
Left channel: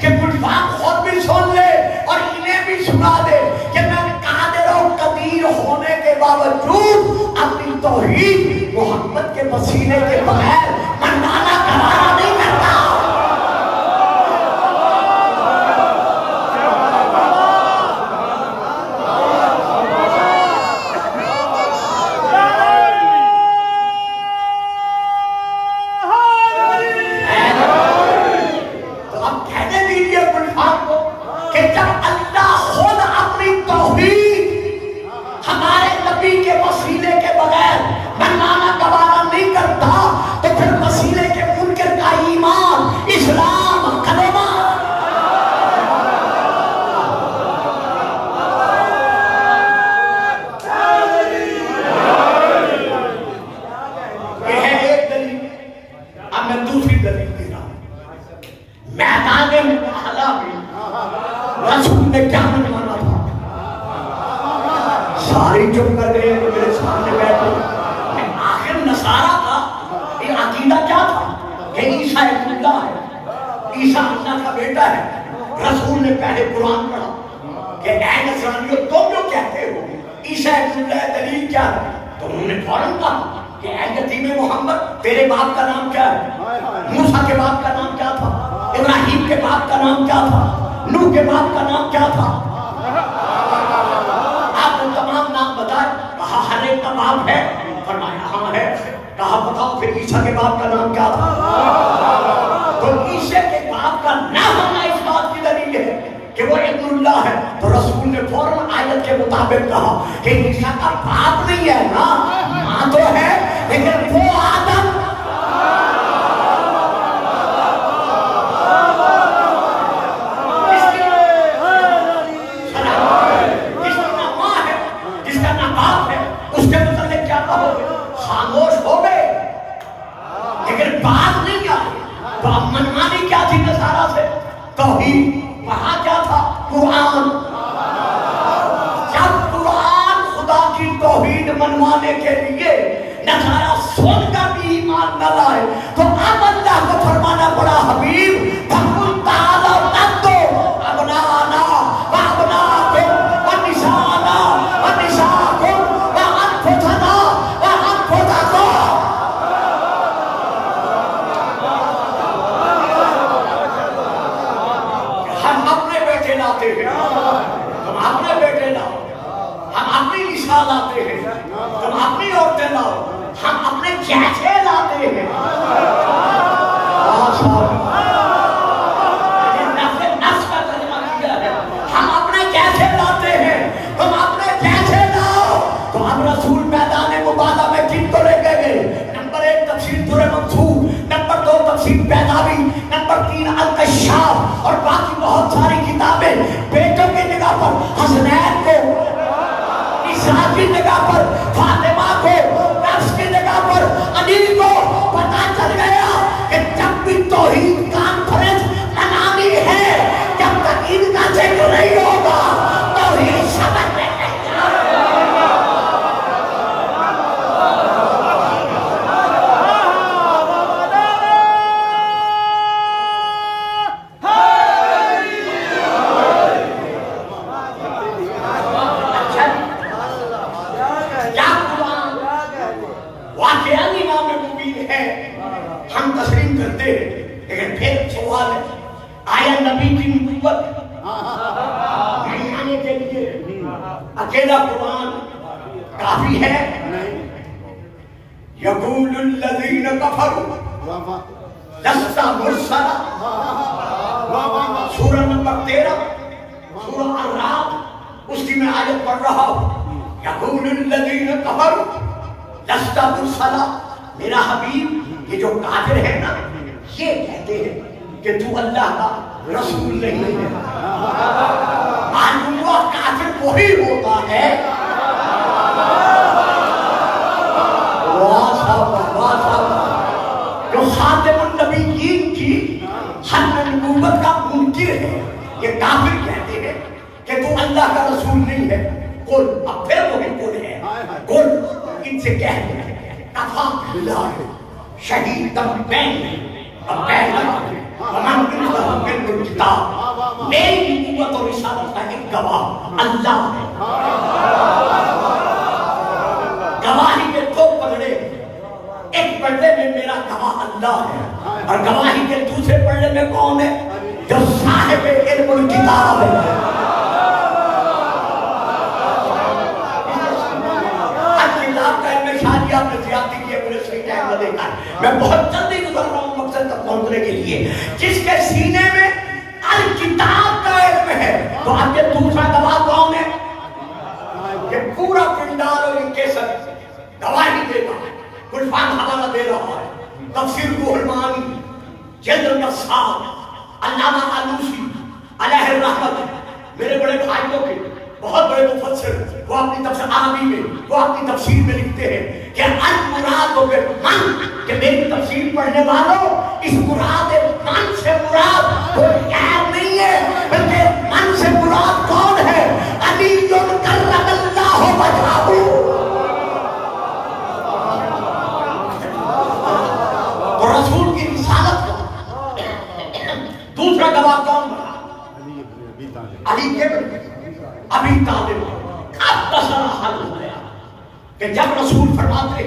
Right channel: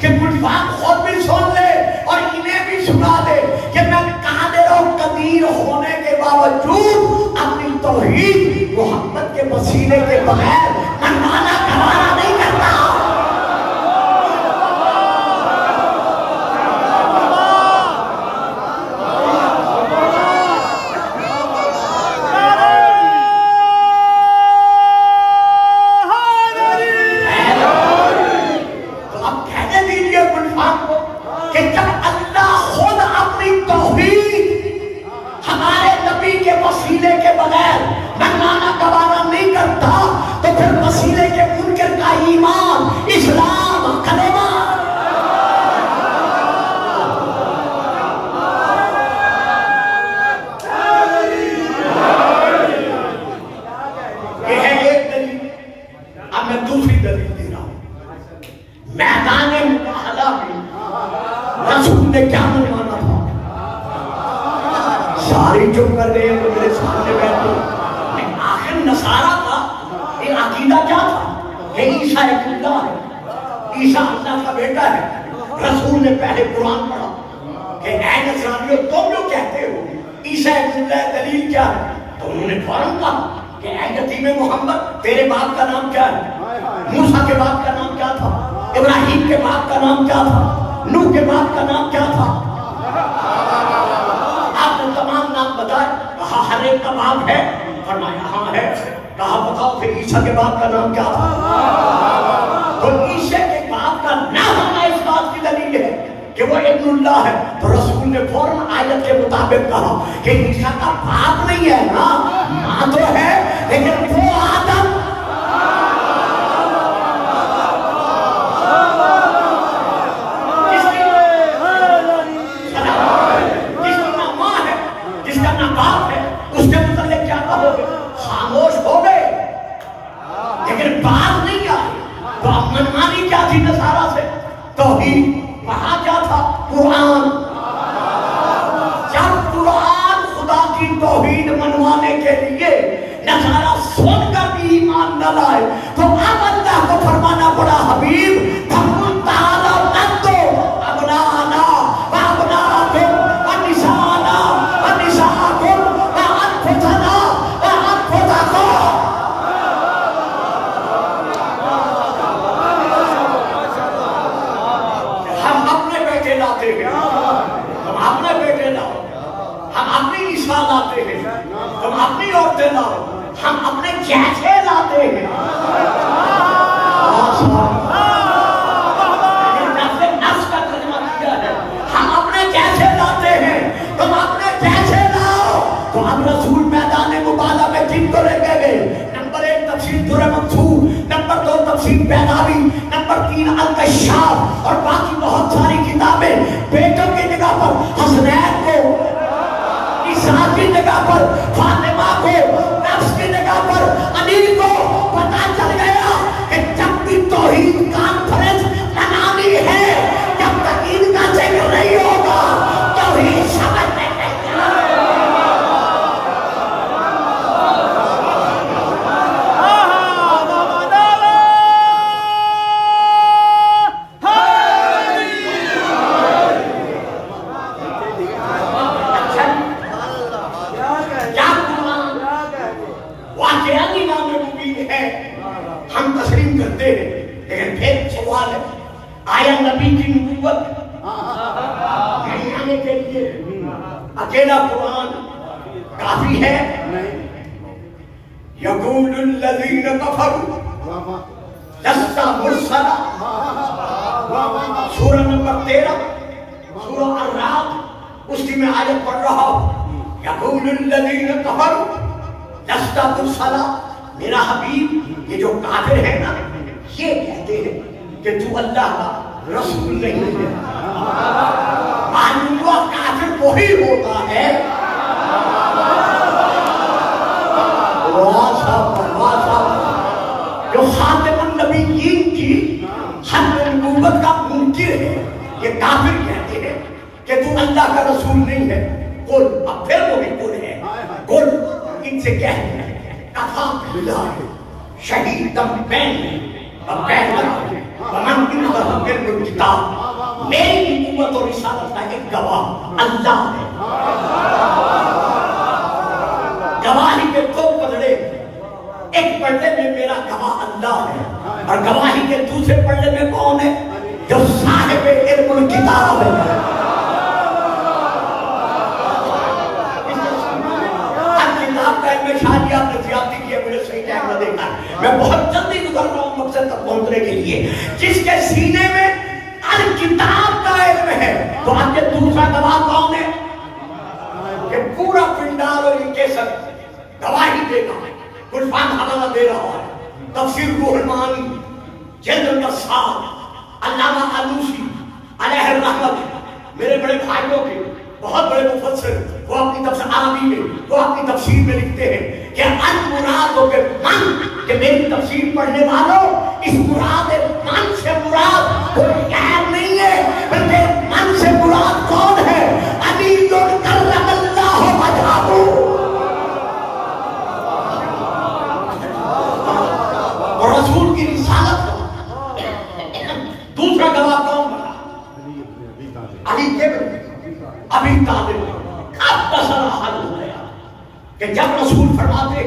کہ گلفام خود بھی سن لے اور انہیں بھی سنا دے کہ میں قادر و قدیر ہونے کے باوجود اپنی توحید محمد کے وسیلے کے بغیر منوانا کرانا نہیں کرتا. ہمارے نبی کے وسیلے کے بغیر منوانا گوارا نہیں کرتا تو پھر اب میں دوسری دلیل دے رہا ہوں. میدان مباہلہ میں رسول نے کیا منوانا تھا؟ ساری چپ کر رہے ہیں تو میرے سامنے بیٹھے. آخر نصارہ کا یہ عقیدہ کیا تھا کہ عیسیٰ ایک اللہ ہے، عیسیٰ اللہ کا بیٹا ہے. رسول نے پہلے قرآن پڑھا کہ اے نصرانیوں تم جو کہتے ہو عیسیٰ ایک اللہ ہے، دلیل کیا ہے؟ تو انہوں نے فوراً کہا کہ اے یتیم محمد تیرے باپ کا نام کیا ہے؟ موسیٰ کے باپ کا نام کیا تھا؟ ابراہیم کے باپ کا نام کیا تھا؟ نوح کے باپ کا نام کیا تھا؟ آپ کو تمام نام بتائے. کہا ہر ایک کا باپ ہے. فرمایا ہاں ہے. کہا بتاؤ پھر عیسیٰ کے باپ کا نام کیا تھا؟ تو عیسیٰ کے باپ کا نہ ہونا اس بات کی دلیل ہے کہ وہ ابن اللہ ہے. تو رسول نے فوراً آیت کے مطابق کہا کہ عیسیٰ کا باپ نہیں ہے نا، ماں تو ہے لیکن وہ آدم بات نہیں آئی. تو اب منمانی کیا تھی نصارہ سے؟ توحید. وہاں کیا تھا؟ قرآن. جب قرآن خدا کی توحید منوانے کے لیے نصارہ سن کر بھی ایمان نہ لائے تو اب اللہ کو فرمانا پڑا حبیب فَقُلْ تَعَالَوْا نَتُّوا أَبْنَاءَنَا وَأَبْنَاءَكُمْ وَنِسَاءَنَا وَنِسَاءَكُمْ وَأَنفُسَنَا وَأَنفُسَكُمْ. ہم اپنے بیٹے لاؤ، ہم اپنی نساء لاتے ہیں، ہم اپنی عورتیں لاؤ، ہم اپنے جیسے لاتے ہیں. نفس کا ترجمہ کیا ہے؟ ہم اپنے جیسے لاتے ہیں، تم اپنے جیسے لاؤ. تو اب رسول میدان مباہلہ میں کن کو لے کے گئے؟ نمبر 1 تفسیر در منصور، نمبر 2 تفسیر بیناوی، نمبر 3 الکشاف اور باقی بہت ساری کتابیں. بیٹوں کی نگاہ پر حسنین کو، عیسیٰ کی نگاہ پر فاطمہ کو، نفس کی نگاہ پر علی کو. پتہ چل گیا کہ جب بھی توحید کانفرنس منانی ہے جب تک ان کا ذکر نہیں ہوگا توحید سمجھ نہیں. ہم تسلیم کرتے ہیں لیکن پھر سوال ہے آیا نبی کی نبوت ماننے کے لیے اکیلا قرآن کافی ہے؟ یقول الذین کفروا لست مرسلا. سورہ نمبر 13 سورہ الرعد اس کی میں آیت پڑھ رہا ہوں. یقول الذین کفروا لست مرسلا. میرا حبیب یہ جو کافر ہے نا یہ کہتے ہیں کہ تو اللہ کا رسول نہیں ہے. معلوم ہوا کافر وہی ہوتا ہے جو خاتم النبیین کی ختم نبوت کا منکر ہے. یہ کافر کہتے ہیں کہ تو اللہ کا رسول نہیں ہے. قل اب پھر وہ بھی قل ہے. قل ان سے کہہ دیں کفا باللہ شہیدم بینی و بینکم ومن عنده علم الکتاب. میری نبوت اور رسالت کا ایک گواہ اللہ ہے. گواہی کے دو پلڑے، ایک پلڑے میں میرا گواہ اللہ ہے اور گواہی کے دوسرے پلڑے میں کون ہے؟ جو صاحب علم الکتاب ہے. میں بہت جلدی گزر رہا ہوں مقصد تک پہنچنے کے لیے. جس کے سینے میں الکتاب کا علم ہے تو اب یہ دوسرا گواہ کون ہے؟ کہ پورا پنڈال اور ان کے سر گواہی دے رہا ہے. کچھ بات حوالہ دے رہا ہے. تفسیر روح المعانی جلد نمبر 7 علامہ آلوسی علیہ الرحمت میرے بڑے بھائیوں کے بہت بڑے مفسر وہ اپنی تفسیر عربی میں وہ اپنی تفسیر میں لکھتے ہیں کہ المراد بالمن، کہ میری تفسیر پڑھنے والوں اس مراد من سے مراد کوئی غیر نہیں ہے، بلکہ من سے مراد کون ہے؟ علی کرم اللہ وجہہ، تو رسول کی رسالت کو دوسرا گواہ کون بنا؟ علی کے ابھی طالب۔ اب مسئلہ حل ہو گیا کہ جب رسول فرماتے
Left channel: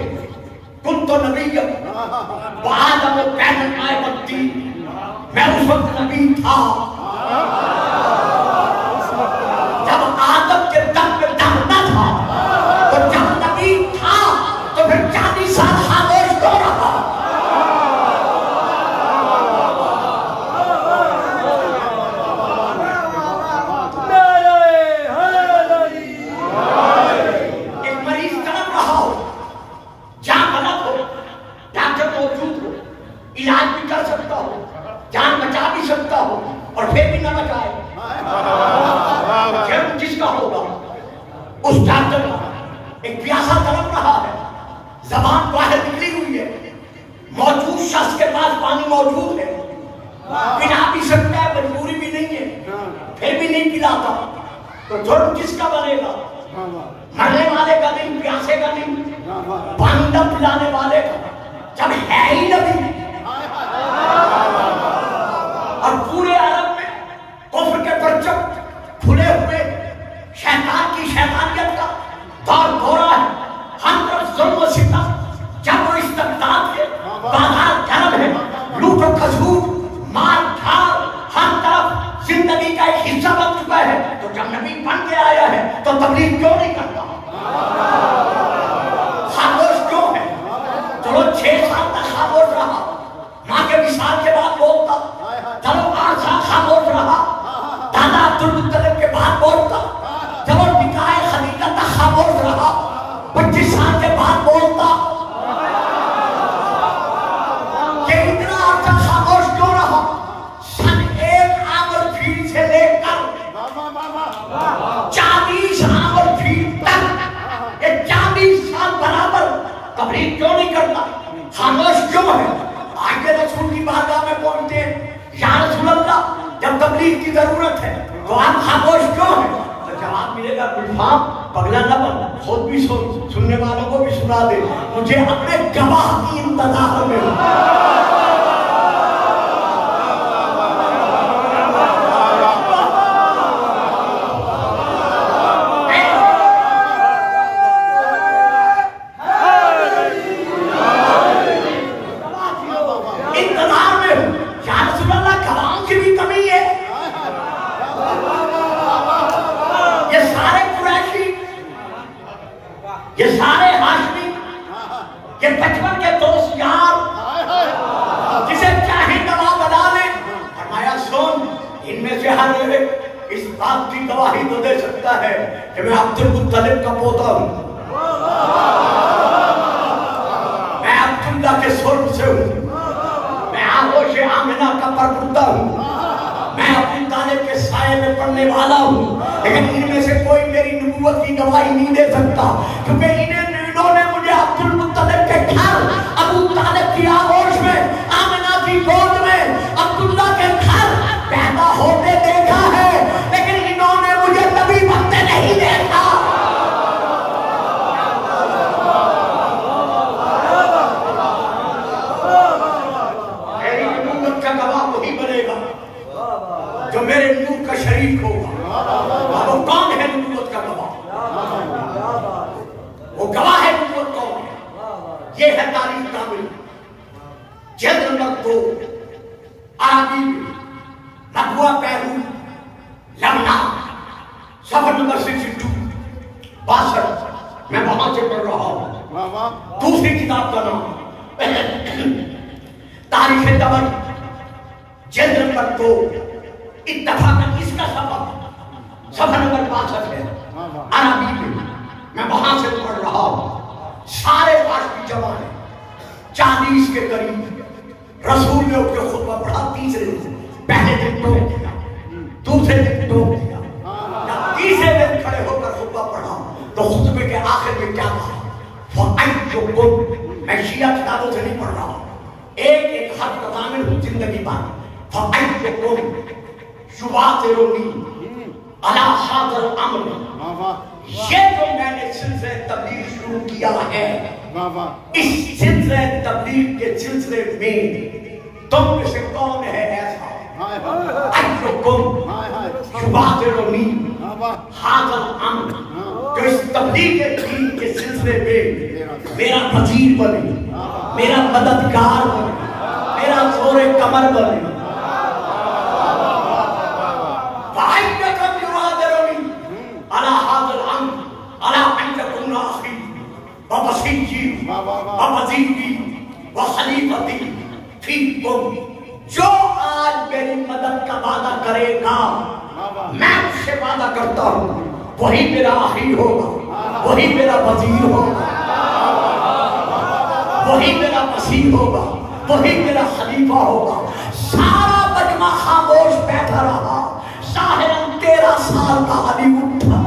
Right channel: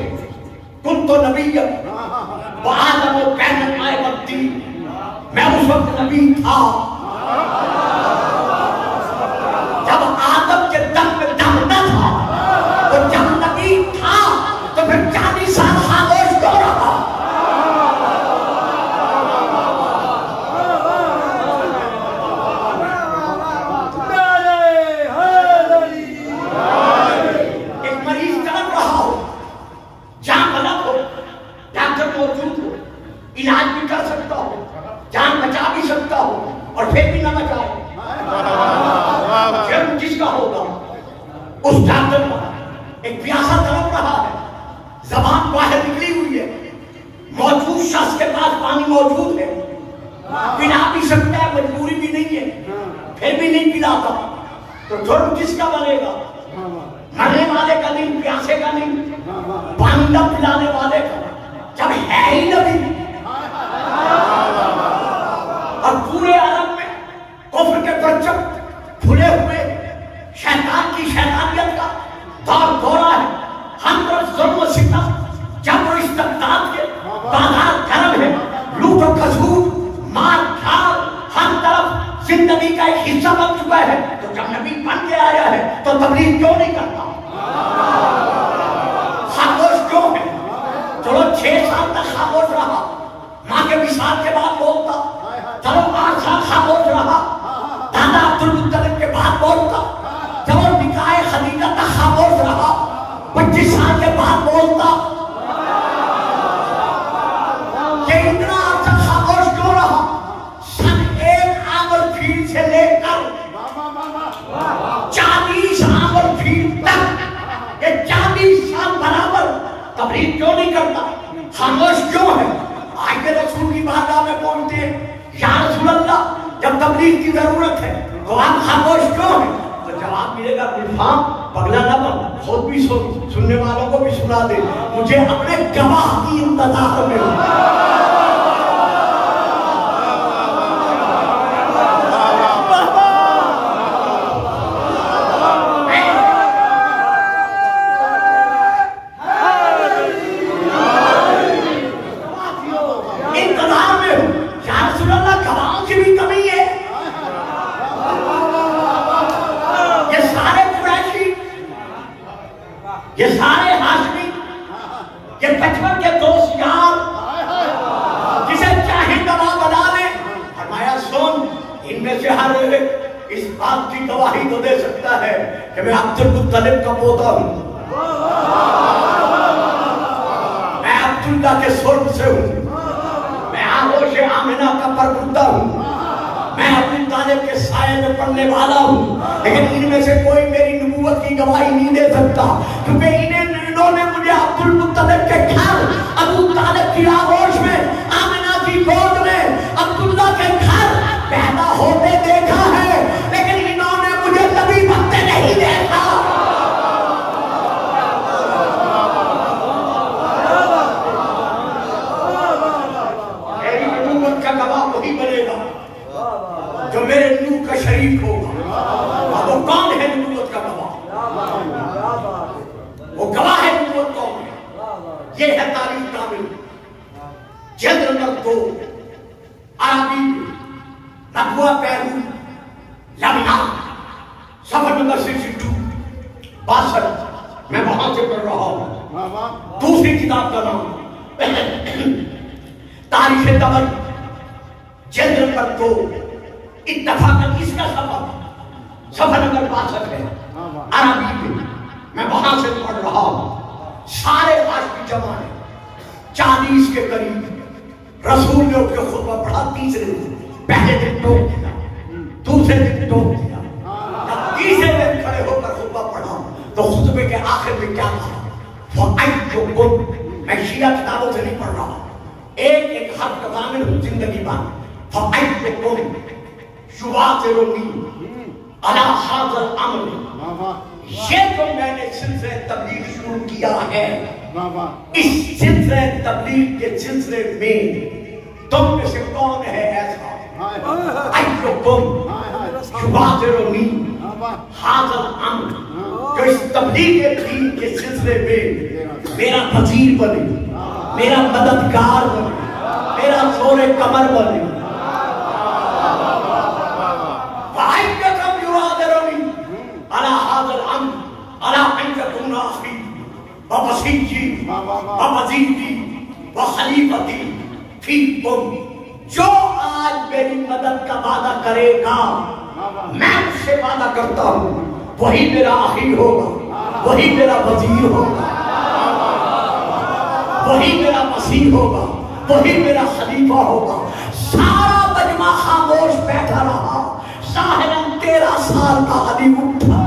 کنت نبی وآدم بین الماء والطین، میں اس وقت نبی تھا جب آدم کے دم میں دم نہ تھا، تو جب نبی تھا تو پھر 40 سال خاموش کیوں رہا؟ علاج بھی کر سکتا ہو، جان بچا بھی سکتا ہو، اور پھر بھی نہ بچائے، جرم کس کا ہوگا؟ اس ڈاکٹر کا۔ ایک پیاسا تڑپ رہا ہے، زبان باہر نکلی ہوئی ہے، موجود شخص کے پاس پانی موجود ہے، پلا بھی سکتا ہے، مجبوری بھی نہیں ہے، پھر بھی نہیں پلاتا، تو جرم کس کا بنے گا؟ مرنے والے کا نہیں، پیاسے کا نہیں، پانی نہ پلانے والے کا، جب ہے ہی نبی۔ اور پورے عالم میں کفر کے پرچم کھلے ہوئے، شیطان کی شیطانیت کا دور دورہ ہے، ہر طرف ظلم و ستم، جب وہ استبداد کے بازار گرم ہے، لوٹ و کھسوٹ، مار دھاڑ، ہر طرف زندگی کا ایک حصہ بن چکا ہے، تو جب نبی بن کے آیا ہے تو تبلیغ کیوں نہیں کرتا؟ خاموش کیوں ہے؟ تو 6 سال تک خاموش رہا، ماں کے وصال کے بعد بولتا، چلو 8 سال خاموش رہا، دادا عبدالمطلب کے بعد بولتا، جب وہ نکاح خدیجہ تک خاموش رہا، 25 سال کے بعد بولتا، کہ اتنا عرصہ خاموش کیوں رہا؟ سن 1 عامر فیل سے لے کر 40 عامر فیل تک، یہ 40 سال برابر تبلیغ کیوں نہیں کرتا؟ خاموش کیوں ہے؟ آج کے رسول کی بارگاہ میں پہنچتے یا رسول اللہ جب تبلیغ کی ضرورت ہے تو آپ خاموش کیوں ہیں؟ تو جواب ملے گا گلفام پگلا نہ بن، خود بھی سننے والوں کو بھی سنا دے، مجھے اپنے گواہ کی انتظار میں یہ سارے ہاشمی، یہ بچپن کے دوست یار، جسے چاہے گواہ بنا لے، فرمایا سن، ان میں سے ہر ایک اس بات کی گواہی تو دے سکتا ہے کہ میں عبدالمطلب کا پوتا ہوں، میں عبداللہ کے سلب سے ہوں، میں آغوش آمنہ کا پروردہ ہوں، میں ابو طالب کے سائے میں پڑھنے والا ہوں، لیکن ان میں سے کوئی میری نبوت کی گواہی نہیں دے سکتا، کیونکہ انہوں نے مجھے عبدالمطلب کے گھر، ابو طالب کی آغوش میں، آمنہ کی گود میں، عبداللہ کے گھر پیدا ہوتے دیکھا ہے، لیکن انہوں نے مجھے نبی بنتے نہیں دیکھا۔ میری نبوت کا گواہ وہی بنے گا جو میرے نور کا شریک ہوگا۔ اب وہ کون ہے نبوت کا گواہ؟ وہ گواہ ہے نبوت کون ہے؟ یہ ہے تاریخ کامل، جلد نمبر 2، عربی نبوہ پیرو لمنا، صفحہ نمبر 62، 62، میں وہاں سے پڑھ رہا ہوں۔ دوسری کتاب کا نام تاریخ دمر، جلد نمبر 2، اتفاقاً اس کا صفحہ نمبر 62 ہے، عربی میں وہاں سے پڑھ رہا ہوں۔ سارے ہاشمی جمع ہیں، 40 کے قریب۔ رسول نے اٹھ کے خطبہ پڑھا، تیسرے دن، پہلے دن ٹوک دیا، دوسرے دن ٹوک دیا، جب تیسرے دن کھڑے ہو میں شیعہ کتابوں سے نہیں پڑھ رہا ہوں، ایک ایک حرف کا ضامن ہوں زندگی بھر. یہ جو میں نے سلسلہ تبلیغ شروع کیا ہے، اس سلسلہ تبلیغ کے سلسلے میں تم میں سے کون ہے ایسا جو اس تبلیغ دین کے سلسلے میں میرا وزیر بنے، میرا مددگار بنے، میرا زور کمر بنے. جو آج میری مدد کا وعدہ کرے گا، میں اس سے وعدہ کرتا ہوں وہی میرا آخری ہوگا، وہی میرا وزیر ہوگا، وہی میرا مسیح ہوگا، وہی میرا خلیفہ ہوگا. سارا مجمع خاموش بیٹھا رہا، ظاہراً 13 سال کا علی اٹھا،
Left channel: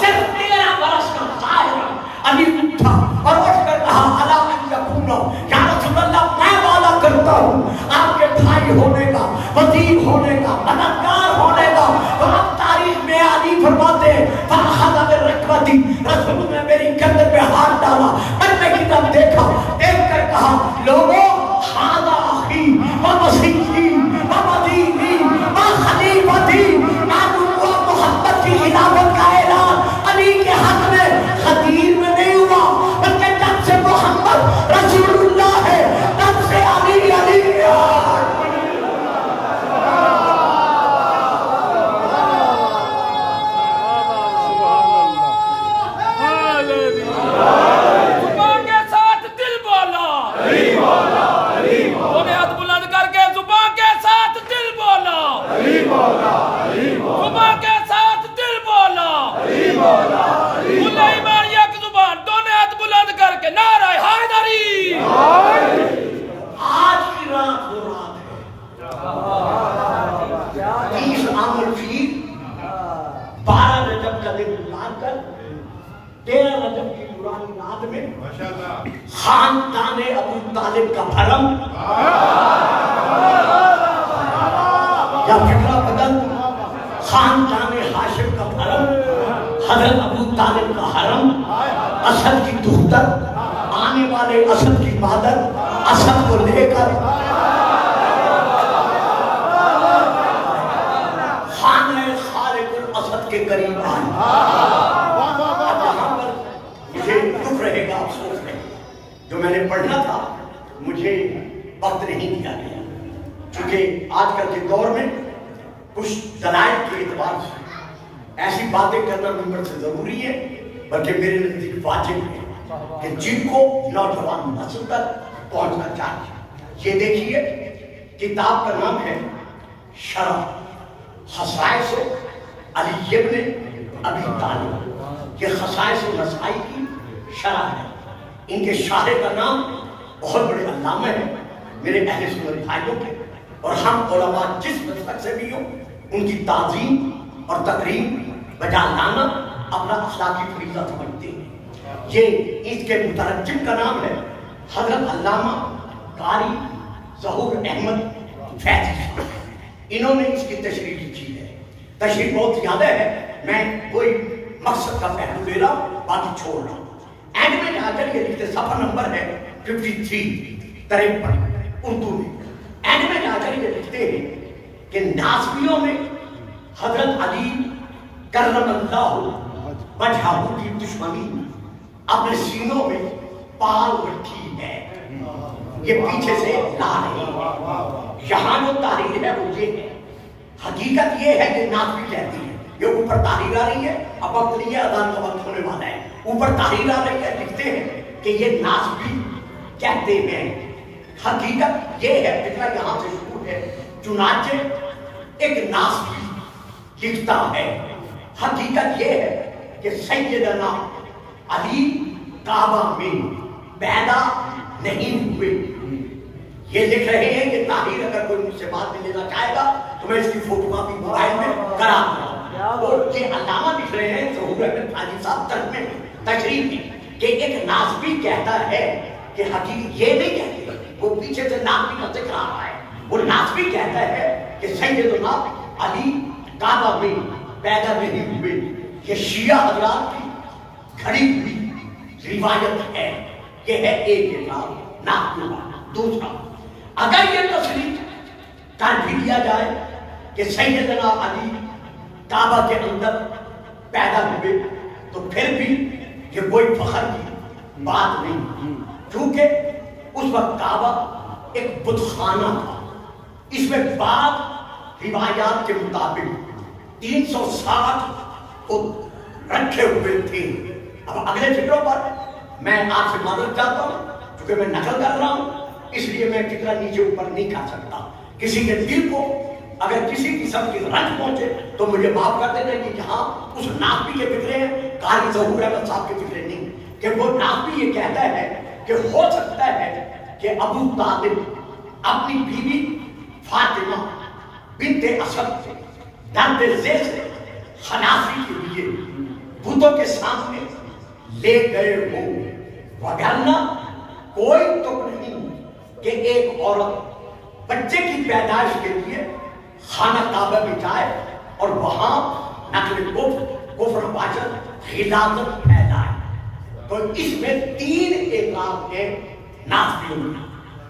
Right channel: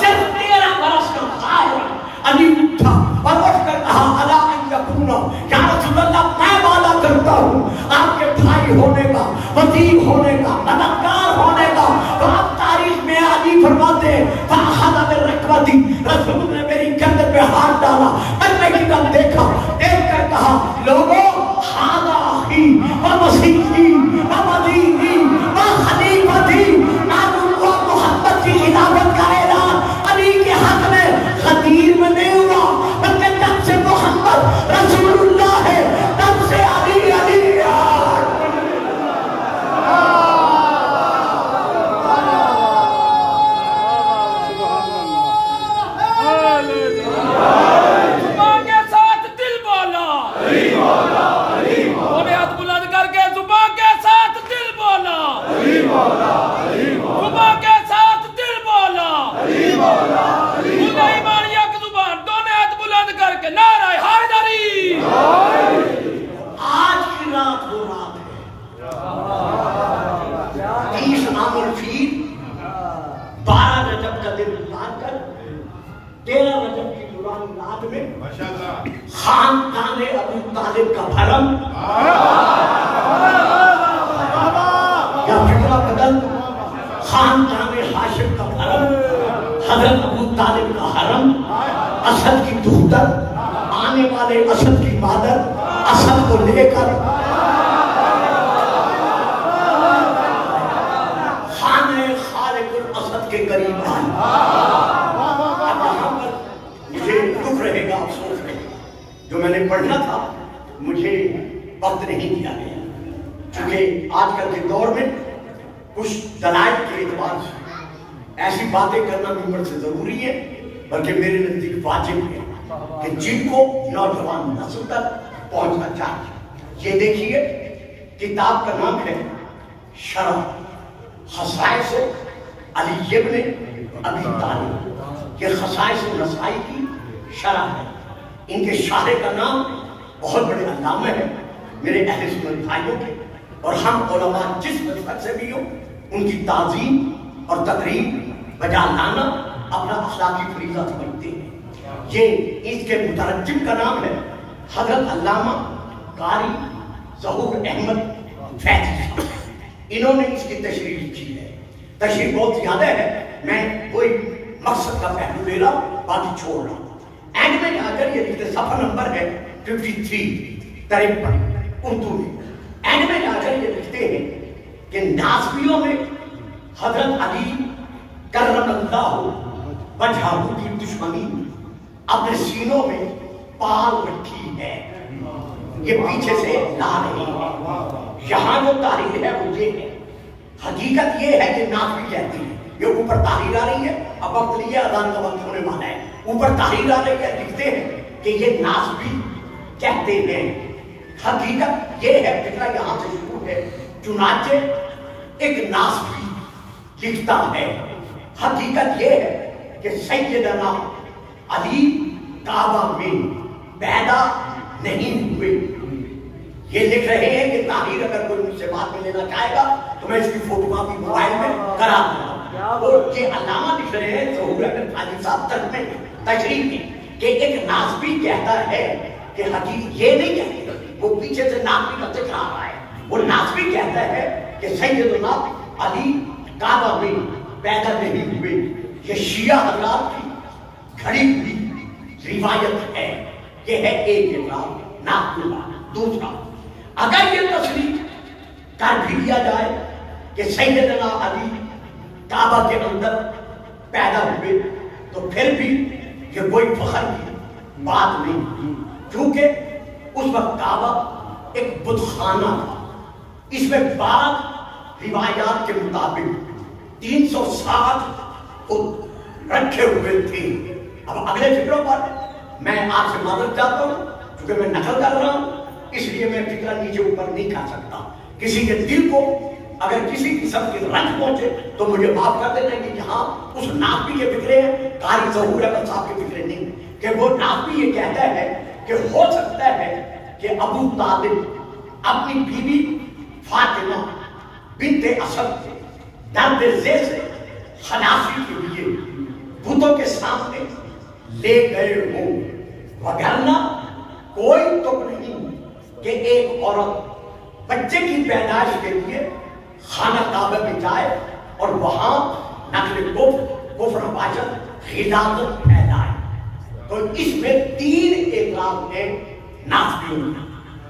صرف 13 برس کا ظاہراً علی اٹھا اور اٹھ کر کہا اللہ ان یکون، یا رسول اللہ میں وعدہ کرتا ہوں آپ کے بھائی ہونے کا، وزیر ہونے کا، مددگار ہونے کا. اور اب تاریخ میں علی فرماتے ہیں فاخذ برکبتی، رسول نے میری گردن پہ ہاتھ ڈالا، میں نے کی طرف دیکھا، دیکھ کر کہا لوگوں ھذا اخی و مسیحی و وزیری و خلیفتی، نبوت محمد کی خلافت کا اعلان علی کے حق میں خطیر میں نہیں ہوا، بلکہ جب سے محمد رسول اللہ ہے تب سے علی علی خاندان ابو طالب کا حرم یا فکرہ بدل، خاندان ہاشم کا حرم، حضرت ابو طالب کا حرم، اسد کی دختر، آنے والے اسد کی مادر، اسد کو لے کر خانہ خالق الاسد کے قریب آئی. مجھے دکھ رہے گا افسوس میں، جو میں نے پڑھنا تھا مجھے وقت نہیں دیا گیا، چونکہ آج کل کے دور میں کچھ دلائل کے اعتبار سے ایسی باتیں کرنا ممکن سے ضروری ہے، بلکہ میرے نزدیک واجب ہے کہ جن کو نوجوان نسل تک پہنچنا چاہیے. یہ دیکھیے کتاب کا نام ہے شرح خصائص علی ابن ابی طالب. یہ خصائص نسائی کی شرح ہے. ان کے شارح کا نام بہت بڑے علامہ ہے میرے اہل سنت بھائیوں کے، اور ہم علماء جس مسلک سے بھی ہوں ان کی تعظیم اور تقریب بجا لانا اپنا اخلاقی فریضہ سمجھتے ہیں. یہ اس کے مترجم کا نام ہے حضرت علامہ قاری ظہور احمد فیضی صاحب. انہوں نے اس کی تشریح لکھی ہے. تشریح بہت زیادہ ہے، میں کوئی مقصد کا پہلو لے رہا ہوں، باقی چھوڑ رہا ہوں. اینڈ میں آ کر یہ لکھتے، صفحہ نمبر ہے 53 اردو میں. اینڈ میں آ کر یہ لکھتے ہیں کہ ناصبیوں نے حضرت علی کرم اللہ وجہہ کی دشمنی اپنے سینوں میں پال رکھی ہے. یہ پیچھے سے لا رہی ہے. یہاں جو تحریر ہے وہ یہ ہے. حقیقت یہ ہے کہ ناصبی کہتی ہے، یہ اوپر تحریر آ رہی ہے، اب وقت یہ اذان کا وقت ہونے والا ہے، اوپر تحریر آ رہی ہے، لکھتے ہیں کہ یہ ناصبی کہتے ہیں. حقیقت یہ ہے، فکرہ یہاں سے شروع ہے. چنانچہ ایک ناصبی لکھتا ہے حقیقت یہ ہے کہ سیدنا علی کعبہ میں پیدا نہیں ہوئے. یہ لکھ رہے ہیں کہ تحریر اگر کوئی مجھ سے بات میں لینا چاہے گا تو میں اس کی فوٹو کاپی موبائل میں کرا دوں گا. وہ یہ علامہ لکھ رہے ہیں ظہور احمد حاجی صاحب تک میں تشریح میں کہ ایک ناسبی کہتا ہے کہ حقیقت یہ نہیں کہتے، وہ پیچھے سے ناسبی کا ذکر آ رہا ہے، وہ ناسبی کہتا ہے کہ سیدنا علی کعبہ میں پیدا نہیں ہوئے، یہ شیعہ حضرات کی کھڑی ہوئی روایت ہے، یہ ہے ایک اعتراض ناسبی۔ دوسرا، اگر یہ تصریح کر بھی لیا جائے کہ سیدنا علی کعبہ کے اندر پیدا ہوئے تو پھر بھی یہ کوئی فخر کی بات نہیں، کیونکہ اس وقت کعبہ ایک بت خانہ تھا، اس میں بعض روایات کے مطابق 360 بت رکھے ہوئے تھے۔ اب اگلے فکروں پر میں آپ سے معذرت چاہتا ہوں، کیونکہ میں نقل کر رہا ہوں، اس لیے میں فکر نیچے اوپر نہیں کر سکتا۔ کسی کے دل کو اگر کسی قسم کی رنج پہنچے تو مجھے معاف کر دینا کہ یہاں اس ناسبی کے فکرے ہیں، قاری ظہور احمد صاحب کے فکرے نہیں، کہ وہ ناسبی یہ کہتا ہے کہ ہو سکتا ہے کہ ابو طالب اپنی بیوی فاطمہ بنت اسد کو درد ذیل سے خلاصی کے لیے بتوں کے سامنے لے گئے ہوں، وگرنہ کوئی تک نہیں کہ ایک عورت بچے کی پیدائش کے لیے خانہ کعبہ میں جائے اور وہاں نقل کفر باشد غلاظت پھیلائے۔ تو اس میں 3 اعتراض ہیں ناسبیوں میں۔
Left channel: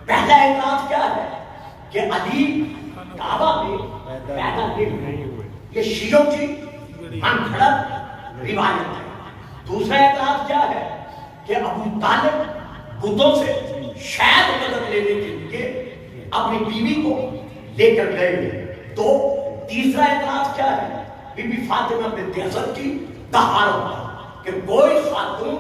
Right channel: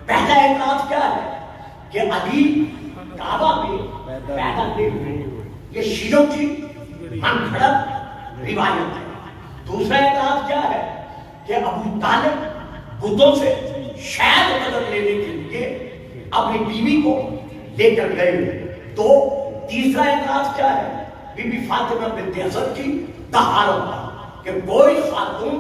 پہلا اعتراض کیا ہے کہ علی کعبہ میں پیدا نہیں ہوئے، یہ شیعوں کی من گھڑت روایت ہے۔ دوسرا اعتراض کیا ہے کہ ابو طالب بتوں سے شاید مدد لینے کے لیے اپنی بیوی کو لے کر گئے۔ تو تیسرا اعتراض کیا ہے بی بی فاطمہ بنت اسد کی طہارت، کہ کوئی خاتون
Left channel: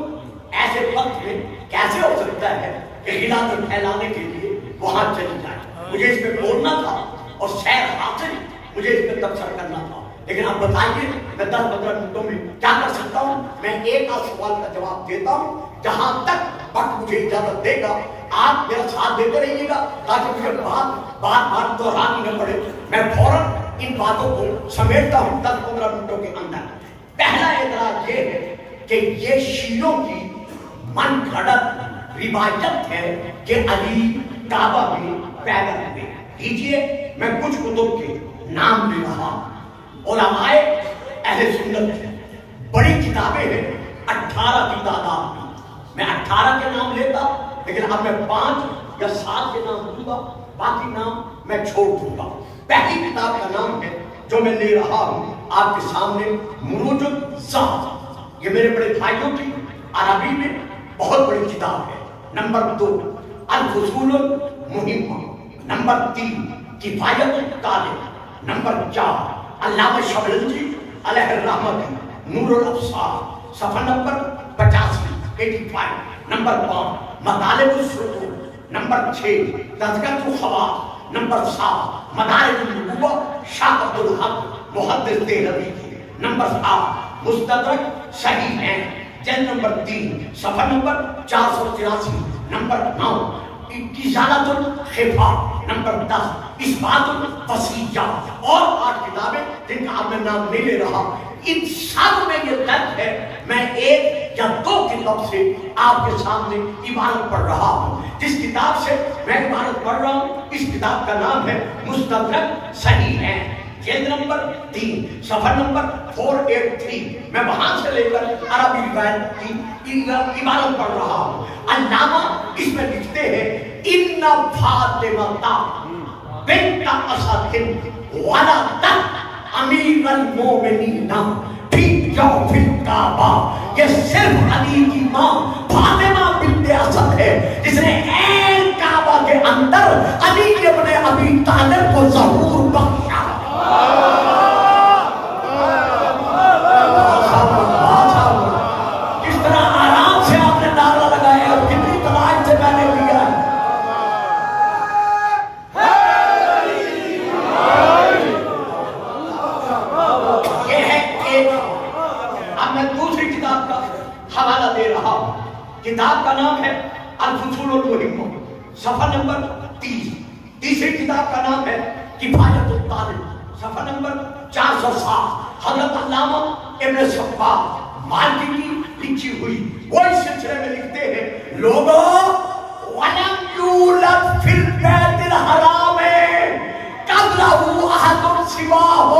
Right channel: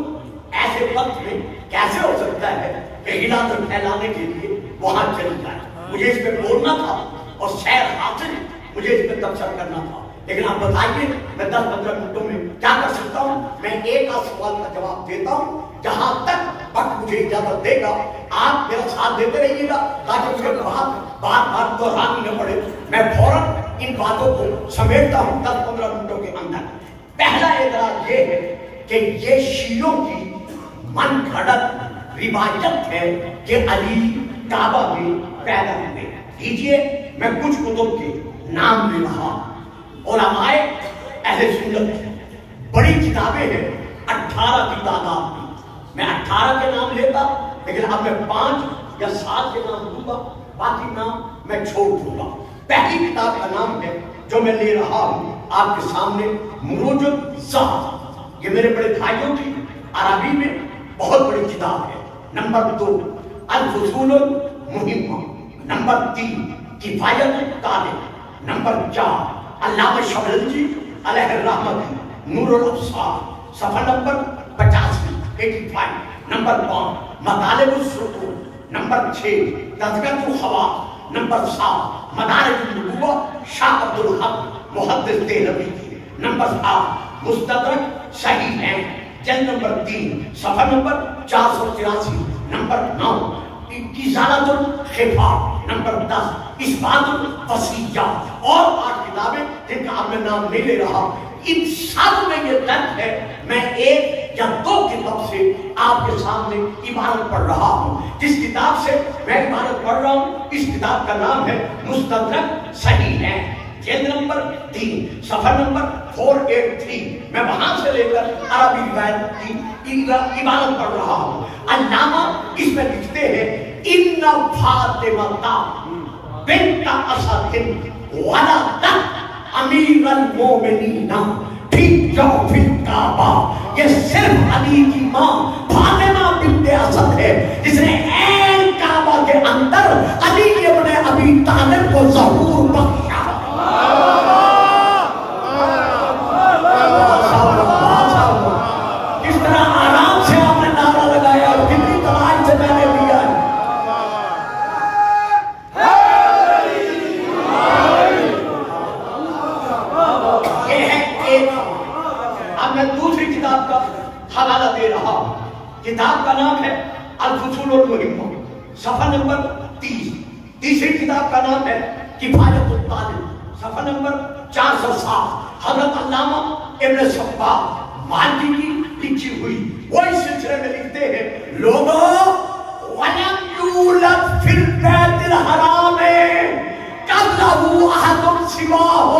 ایسے وقت میں کیسے ہو سکتا ہے کہ غلاظت پھیلانے کے لیے وہاں چلی جائے۔ مجھے اس پہ بولنا تھا اور سیر حاصل مجھے اس پہ تبصرہ کرنا تھا، لیکن آپ بتائیے میں 10-15 منٹوں میں کیا کر سکتا ہوں؟ میں ایک آدھ سوال کا جواب دیتا ہوں، جہاں تک وقت مجھے اجازت دے گا آپ میرا ساتھ دیتے رہیے گا تاکہ مجھے بار بار دہرانی نہ پڑے۔ میں فوراً ان باتوں کو سمیٹتا ہوں 10-15 منٹوں کے اندر۔ پہلا اعتراض یہ ہے کہ یہ شیعوں کی من گھڑت روایت ہے کہ علی کعبہ میں پیدا ہوئے۔ دیجیے میں کچھ کتب کے نام لے رہا ہوں، علماء اہل سنت کی بڑی کتابیں ہیں 18 کی تعداد میں، میں 18 کے نام لیتا لیکن اب میں 5 یا 7 کے نام دوں گا، باقی نام میں چھوڑ دوں گا۔ پہلی کتاب کا نام ہے جو میں لے رہا ہوں آپ کے سامنے، مروج الزہد، یہ میرے بڑے بھائیوں کی عربی میں بہت بڑی کتاب ہے۔ نمبر 2 الفصول المہمہ، نمبر 3 کفایت الطالب، نمبر 4 علامہ شبلنجی علیہ الرحمہ کی نور الابصار، صفحہ نمبر 85، نمبر 5 مطالب السطور، نمبر 6 تذکرۃ الخواص، نمبر 7 مدارج النبوہ شاہ عبد الحق محدث دہلوی کی، نمبر 8 مستدرک صحیح ہیں جلد نمبر 3 صفحہ نمبر 483، نمبر 9 ازالۃ الخفا، نمبر 10 اثبات الفصیحہ، اور 8 کتابیں جن کا آپ نے نام نہیں لے رہا۔ ان سب میں یہ درد ہے، میں 1 یا 2 کتاب سے آپ کے سامنے عبارت پڑھ رہا ہوں۔ جس کتاب سے میں عبارت پڑھ رہا ہوں اس کتاب کا نام ہے مستدرک صحیح ہے، جلد نمبر 3 صفحہ نمبر 483، میں وہاں سے لے کر عربی روایت کی عبارت پڑھ رہا ہوں۔ علامہ اس میں لکھتے ہیں ان فاطمہ بنت اسد ولدت امیر المومنین فی جوف الکعبہ، یہ صرف علی کی ماں فاطمہ بنت اسد ہے جس نے عین کعبہ کے اندر علی ابن ابی طالب کو ظہور بخشا۔ کس طرح آرام سے آپ نے نعرہ لگایا، کتنی تمام سے میں نے دیا ہے۔ اب میں دوسری کتاب کا حوالہ دے رہا ہوں، کتاب کا نام ہے الفصول المہمہ، صفحہ نمبر 30۔ تیسری کتاب کا نام ہے کفایت الطالب، صفحہ نمبر 407۔ حضرت علامہ ابن صباح مالکی کی لکھی ہوئی وہ اس سلسلے میں لکھتے ہیں لوگوں وَلَمْ يُولَدْ فِي الْبَيْتِ الْحَرَامِ قَبْلَهُ أَحَدٌ سِوَاهُ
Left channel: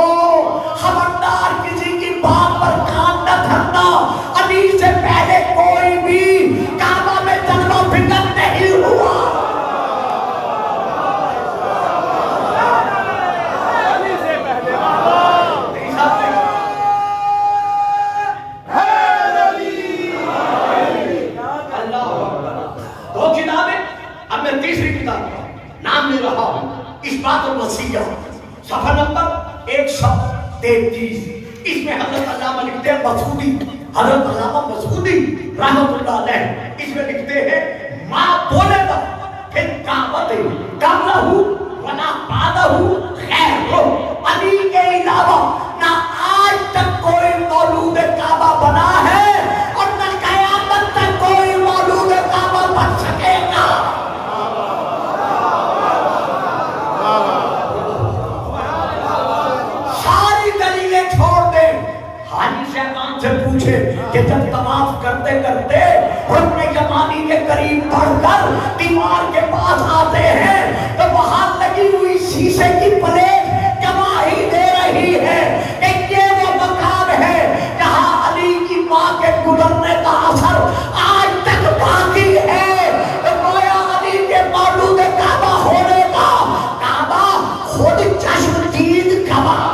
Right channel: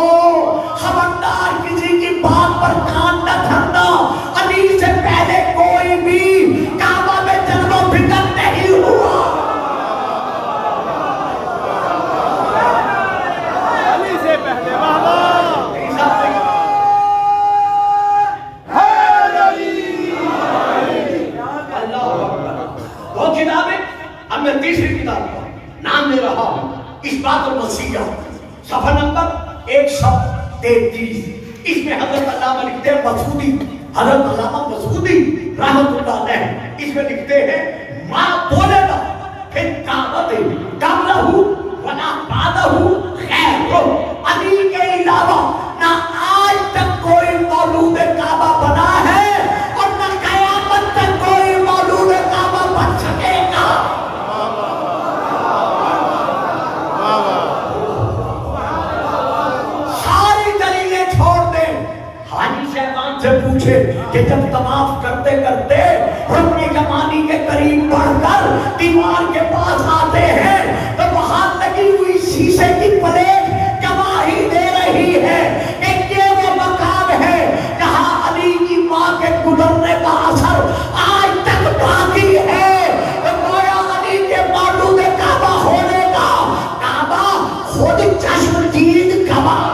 خبردار کسی کی بات پر کان نہ دھرنا علی سے پہلے کوئی بھی کعبہ میں جلوہ فکر نہیں ہوا تیسری کتاب کا نام لے رہا ہوں اثبات المسیح صفحہ نمبر 133 اس میں حضرت علامہ لکھتے ہیں مسعودی حضرت علامہ مسعودی رحمۃ اللہ علیہ اس میں لکھتے ہیں ما بولے گا پھر کعبۃ قبلہ ولا بعدہ غیر علی کے علاوہ نہ آج تک کوئی مولود کعبہ بنا ہے اور نہ قیامت تک کوئی مولود کعبہ بن سکے گا ساری دلیلیں چھوڑ دیں حاجی شیطان سے پوچھے کہ جب طواف کرتے کرتے رکن یمانی کے قریب بڑھ کر دیوار کے پاس آتے ہیں تو وہاں لگی ہوئی شیشے کی پلیٹ گواہی دے رہی ہے کہ یہ وہ مکان ہے جہاں علی کی ماں کے گزرنے کا اثر آج تک باقی ہے گویا علی کے مولود کعبہ ہونے کا کعبہ خود چشم دید گواہ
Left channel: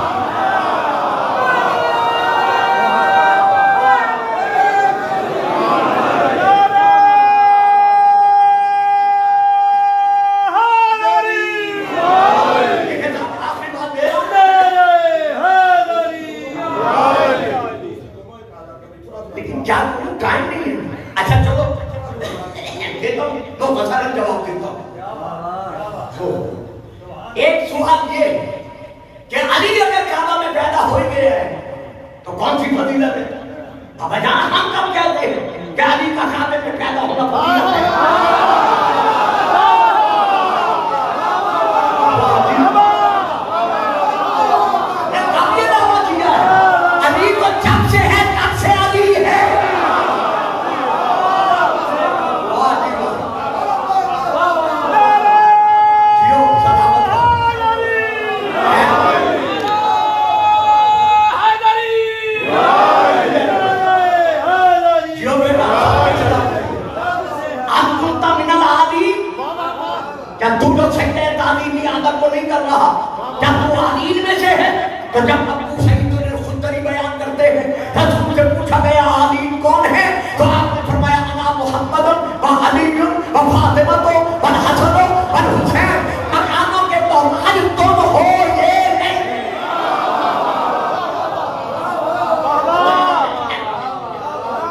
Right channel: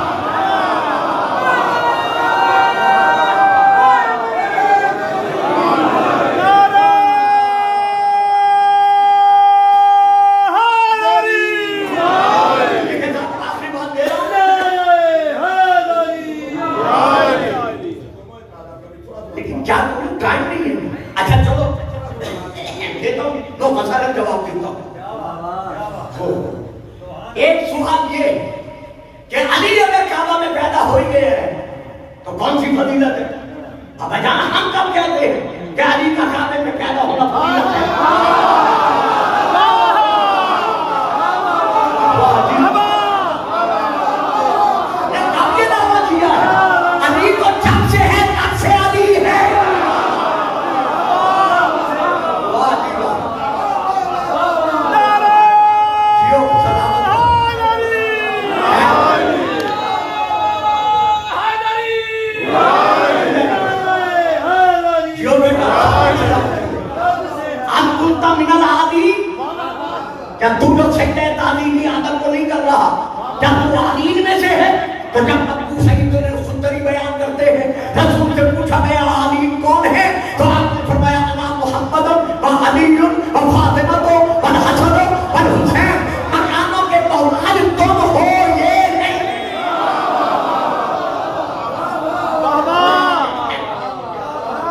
ایک سوال یہ کہ علی اگر کعبہ میں پیدا ہوئی گئے ہے تو کون سی فضیلت ہے؟ اب جہاں ہم کب کہتے ہیں کہ علی کا کعبے میں پیدا ہونا فضیلت ہے کب یہ دعویٰ کیا ہے علی تو جب سے ہے تب سے علی ہے کیا تم لوگ سیکھے تعلیمی عادت کو نہیں کر رہا کیا تو عالین میں سے ہے تو جب ابو سعید الخدری بیان کرتے ہیں رسول سے پوچھا گیا عالین کون ہے تو آپ نے فرمایا انا محمد و علی و فاطمہ و حسن و حسین مکانوں کے توماج تم ہو یہ نہیں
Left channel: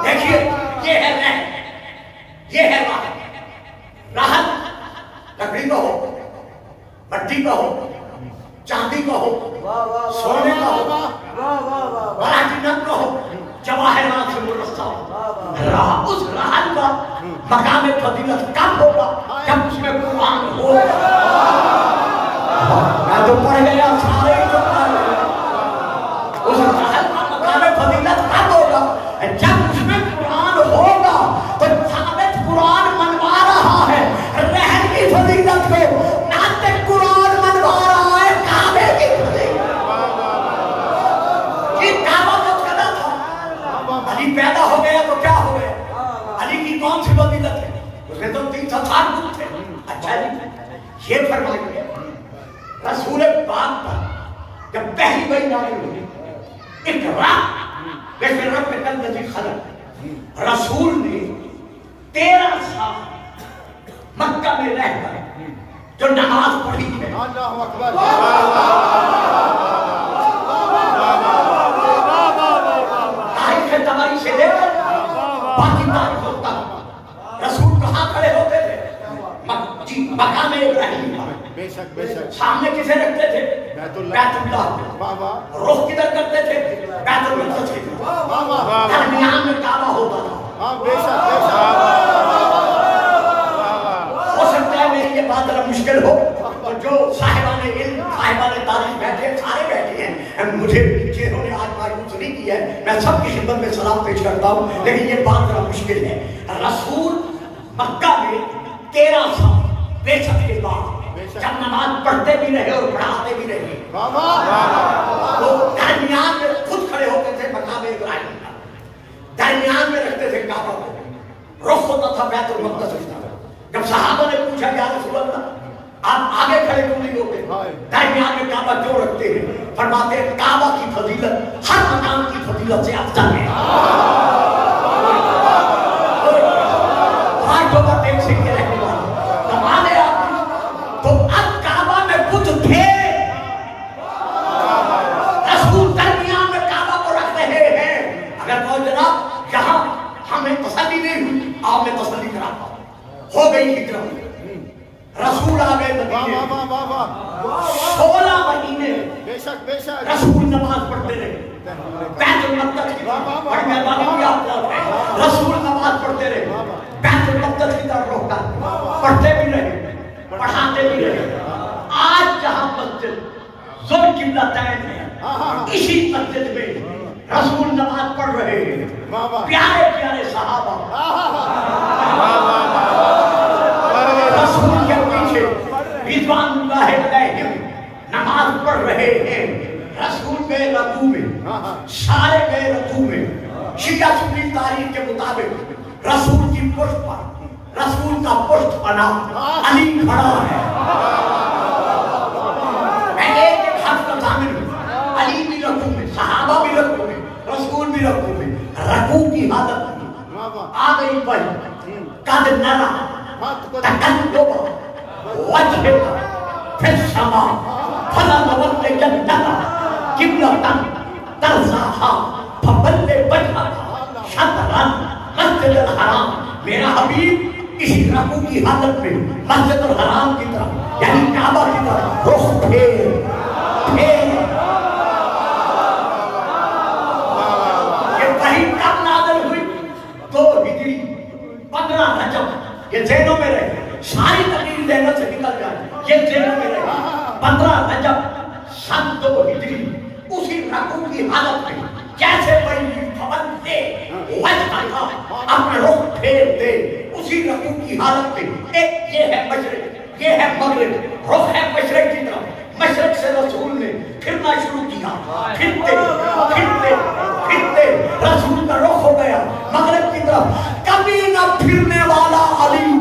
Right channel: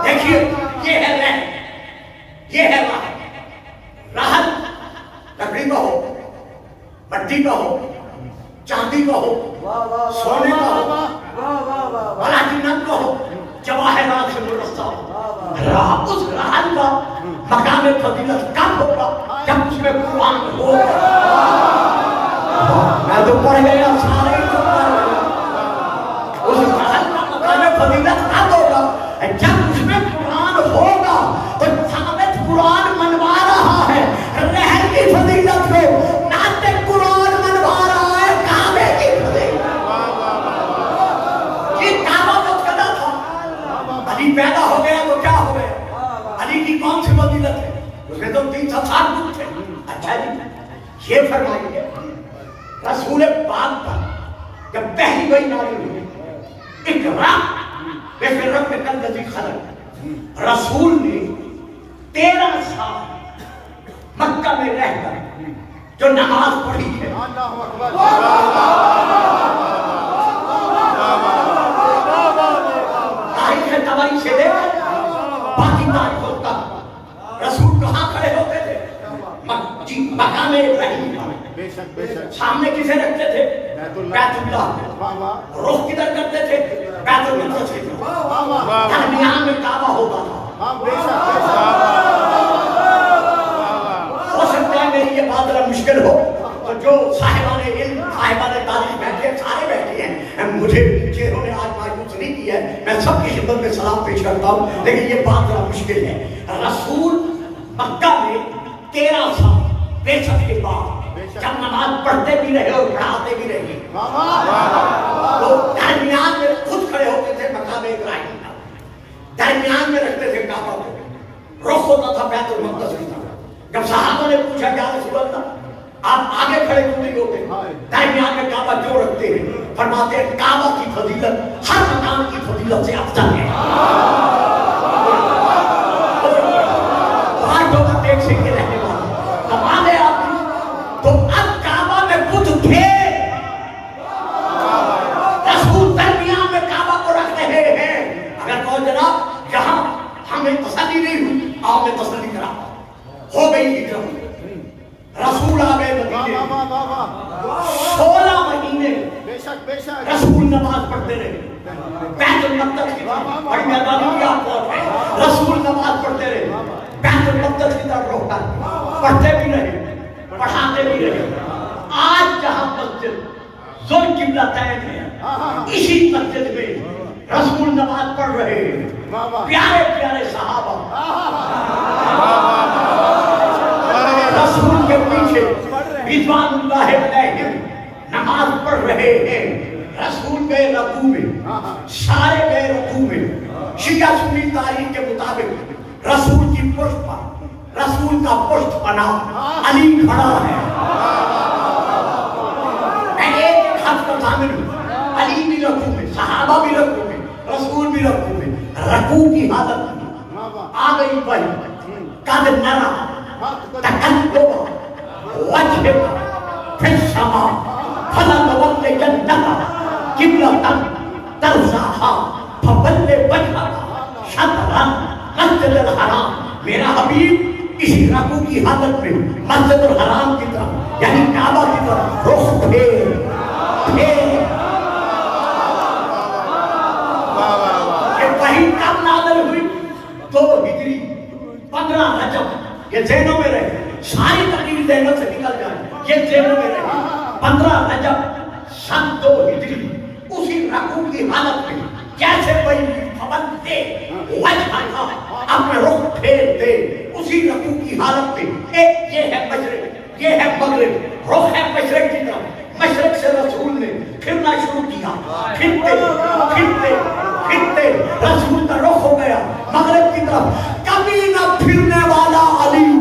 دیکھیے یہ ہے رہن یہ ہے راحت لکڑی کا ہو مٹی کا ہو چاندی کا ہو سونے کا ہو پلاٹینم کا ہو جواہرات سے مرصع ہو اس راحت کا مقام فضیلت کب ہوگا جب اس میں قرآن ہوگا میں تو پڑھ گیا سارے تو پڑھ گیا اس راحت کا مقام فضیلت کب ہوگا جب اس میں قرآن ہوگا تو ثابت قرآن منوا رہا ہے رہن کی فضیلت کو ناطق قرآن منوا رہا ہے کعبے کی فضیلت یہ کعبہ تو کہا تھا علی پیدا ہو گیا تو کیا ہو گیا علی کی کون سی فضیلت ہے اس میں تو 300 سال تھے اچھا جی یہ فرمائیے رسول پاک پر جب پہلی وحی نازل ہوئی اقرا بسم ربک الذی خلق رسول نے 13 سال مکہ میں رہ کر جو نماز پڑھی ہے تاریخ تبری سے لے کر باقی تاریخوں تک رسول کہاں کھڑے ہوتے تھے مکان ابراہیم سامنے کسے رکھتے تھے بیت اللہ رخ کدھر کرتے تھے بیت المقدس کی طرف درمیان میں کعبہ ہوتا تھا یہ بات اگر مشکل ہو تو جو صاحبان علم صاحبان تعلیم بیٹھے سارے بیٹھے ہیں مجھے چہروں نے آج کی ہے. میں سب کی خدمت میں سلام پیش کرتا ہوں, لیکن یہ بات ذرا مشکل ہے. رسول مکہ میں 13 سال بعثت کے بعد جب نماز پڑھتے بھی رہے اور پڑھاتے بھی رہے, تو درمیان میں خود کھڑے ہوتے تھے مقام ابراہیم کا, درمیان میں رکھتے تھے کعبہ کو, رخ ہوتا تھا بیت المقدس کی طرف. جب صحابہ نے پوچھا کہ یا رسول اللہ آپ آگے کھڑے کیوں نہیں ہوتے, درمیان میں کعبہ کیوں رکھتے ہیں, فرماتے ہیں کعبہ کی فضیلت ہر مقام کی فضیلت سے افضل ہے. ہر جگہ دیکھ سکتے رہنے والا کمال ہے آپ کی. تو اب کعبہ میں کچھ تھے, رسول درمیان میں کعبہ کو رکھ رہے ہیں. اگر وہ جناب یہاں ہمیں تسلی نہیں ہوئی, آپ نے تسلی کرا, ہو گئی ہجرت, رسول آ گئے مدینے, 16 مہینے رسول نماز پڑھتے رہے. بیت المقدس کی طرف بڑی مہربانی کی آپ کو, رسول نماز پڑھتے رہے, بیت المقدس کی طرف روک کر پڑھتے بھی رہے, پڑھاتے بھی رہے. آج جہاں مسجد ذوالقبلتین ہے, اسی مسجد میں رسول نماز پڑھ رہے ہیں. پیارے پیارے صحابہ رسول کے پیچھے رضوان اللہ علیہم نماز پڑھ رہے ہیں. رسول گئے رکوع میں, سارے گئے رکوع میں. شیعہ سنی تاریخ کے مطابق رسول کی پشت پر, رسول کا پشت پنا علی کھڑا ہے. میں ایک حد کا ضامن ہوں, علی بھی رکوع میں, صحابہ بھی رکوع میں, رسول بھی رکوع میں. رکوع کی حالت میں آ گئی بھائی قد نرا تقلب وجهك في السماء فلنولينك قبلة ترضاها فول وجهك شطر المسجد الحرام. میرا حبیب اسی رکوع کی حالت میں مسجد الحرام کی طرف یعنی کعبہ کی طرف رخ پھیر وہی کب نازل ہوئی, 2 ہجری 15 رجب. یہ ذہنوں میں رہے, ساری تقریر ذہنوں سے نکل جائے, یہ ذہنوں میں رہے. 15 رجب سن 2 ہجری اسی رکوع کی حالت میں جیسے وہی فون دے وجہ کا اپنے رخ پھیر دے, اسی رکوع کی حالت میں. ایک یہ ہے مشرق, یہ ہے مغرب, رخ ہے مشرق کی طرف. مشرق سے رسول نے پھرنا شروع کیا, پھرتے رسول کا رخ ہو گیا مغرب کی طرف. کبھی نہ پھرنے والا علی,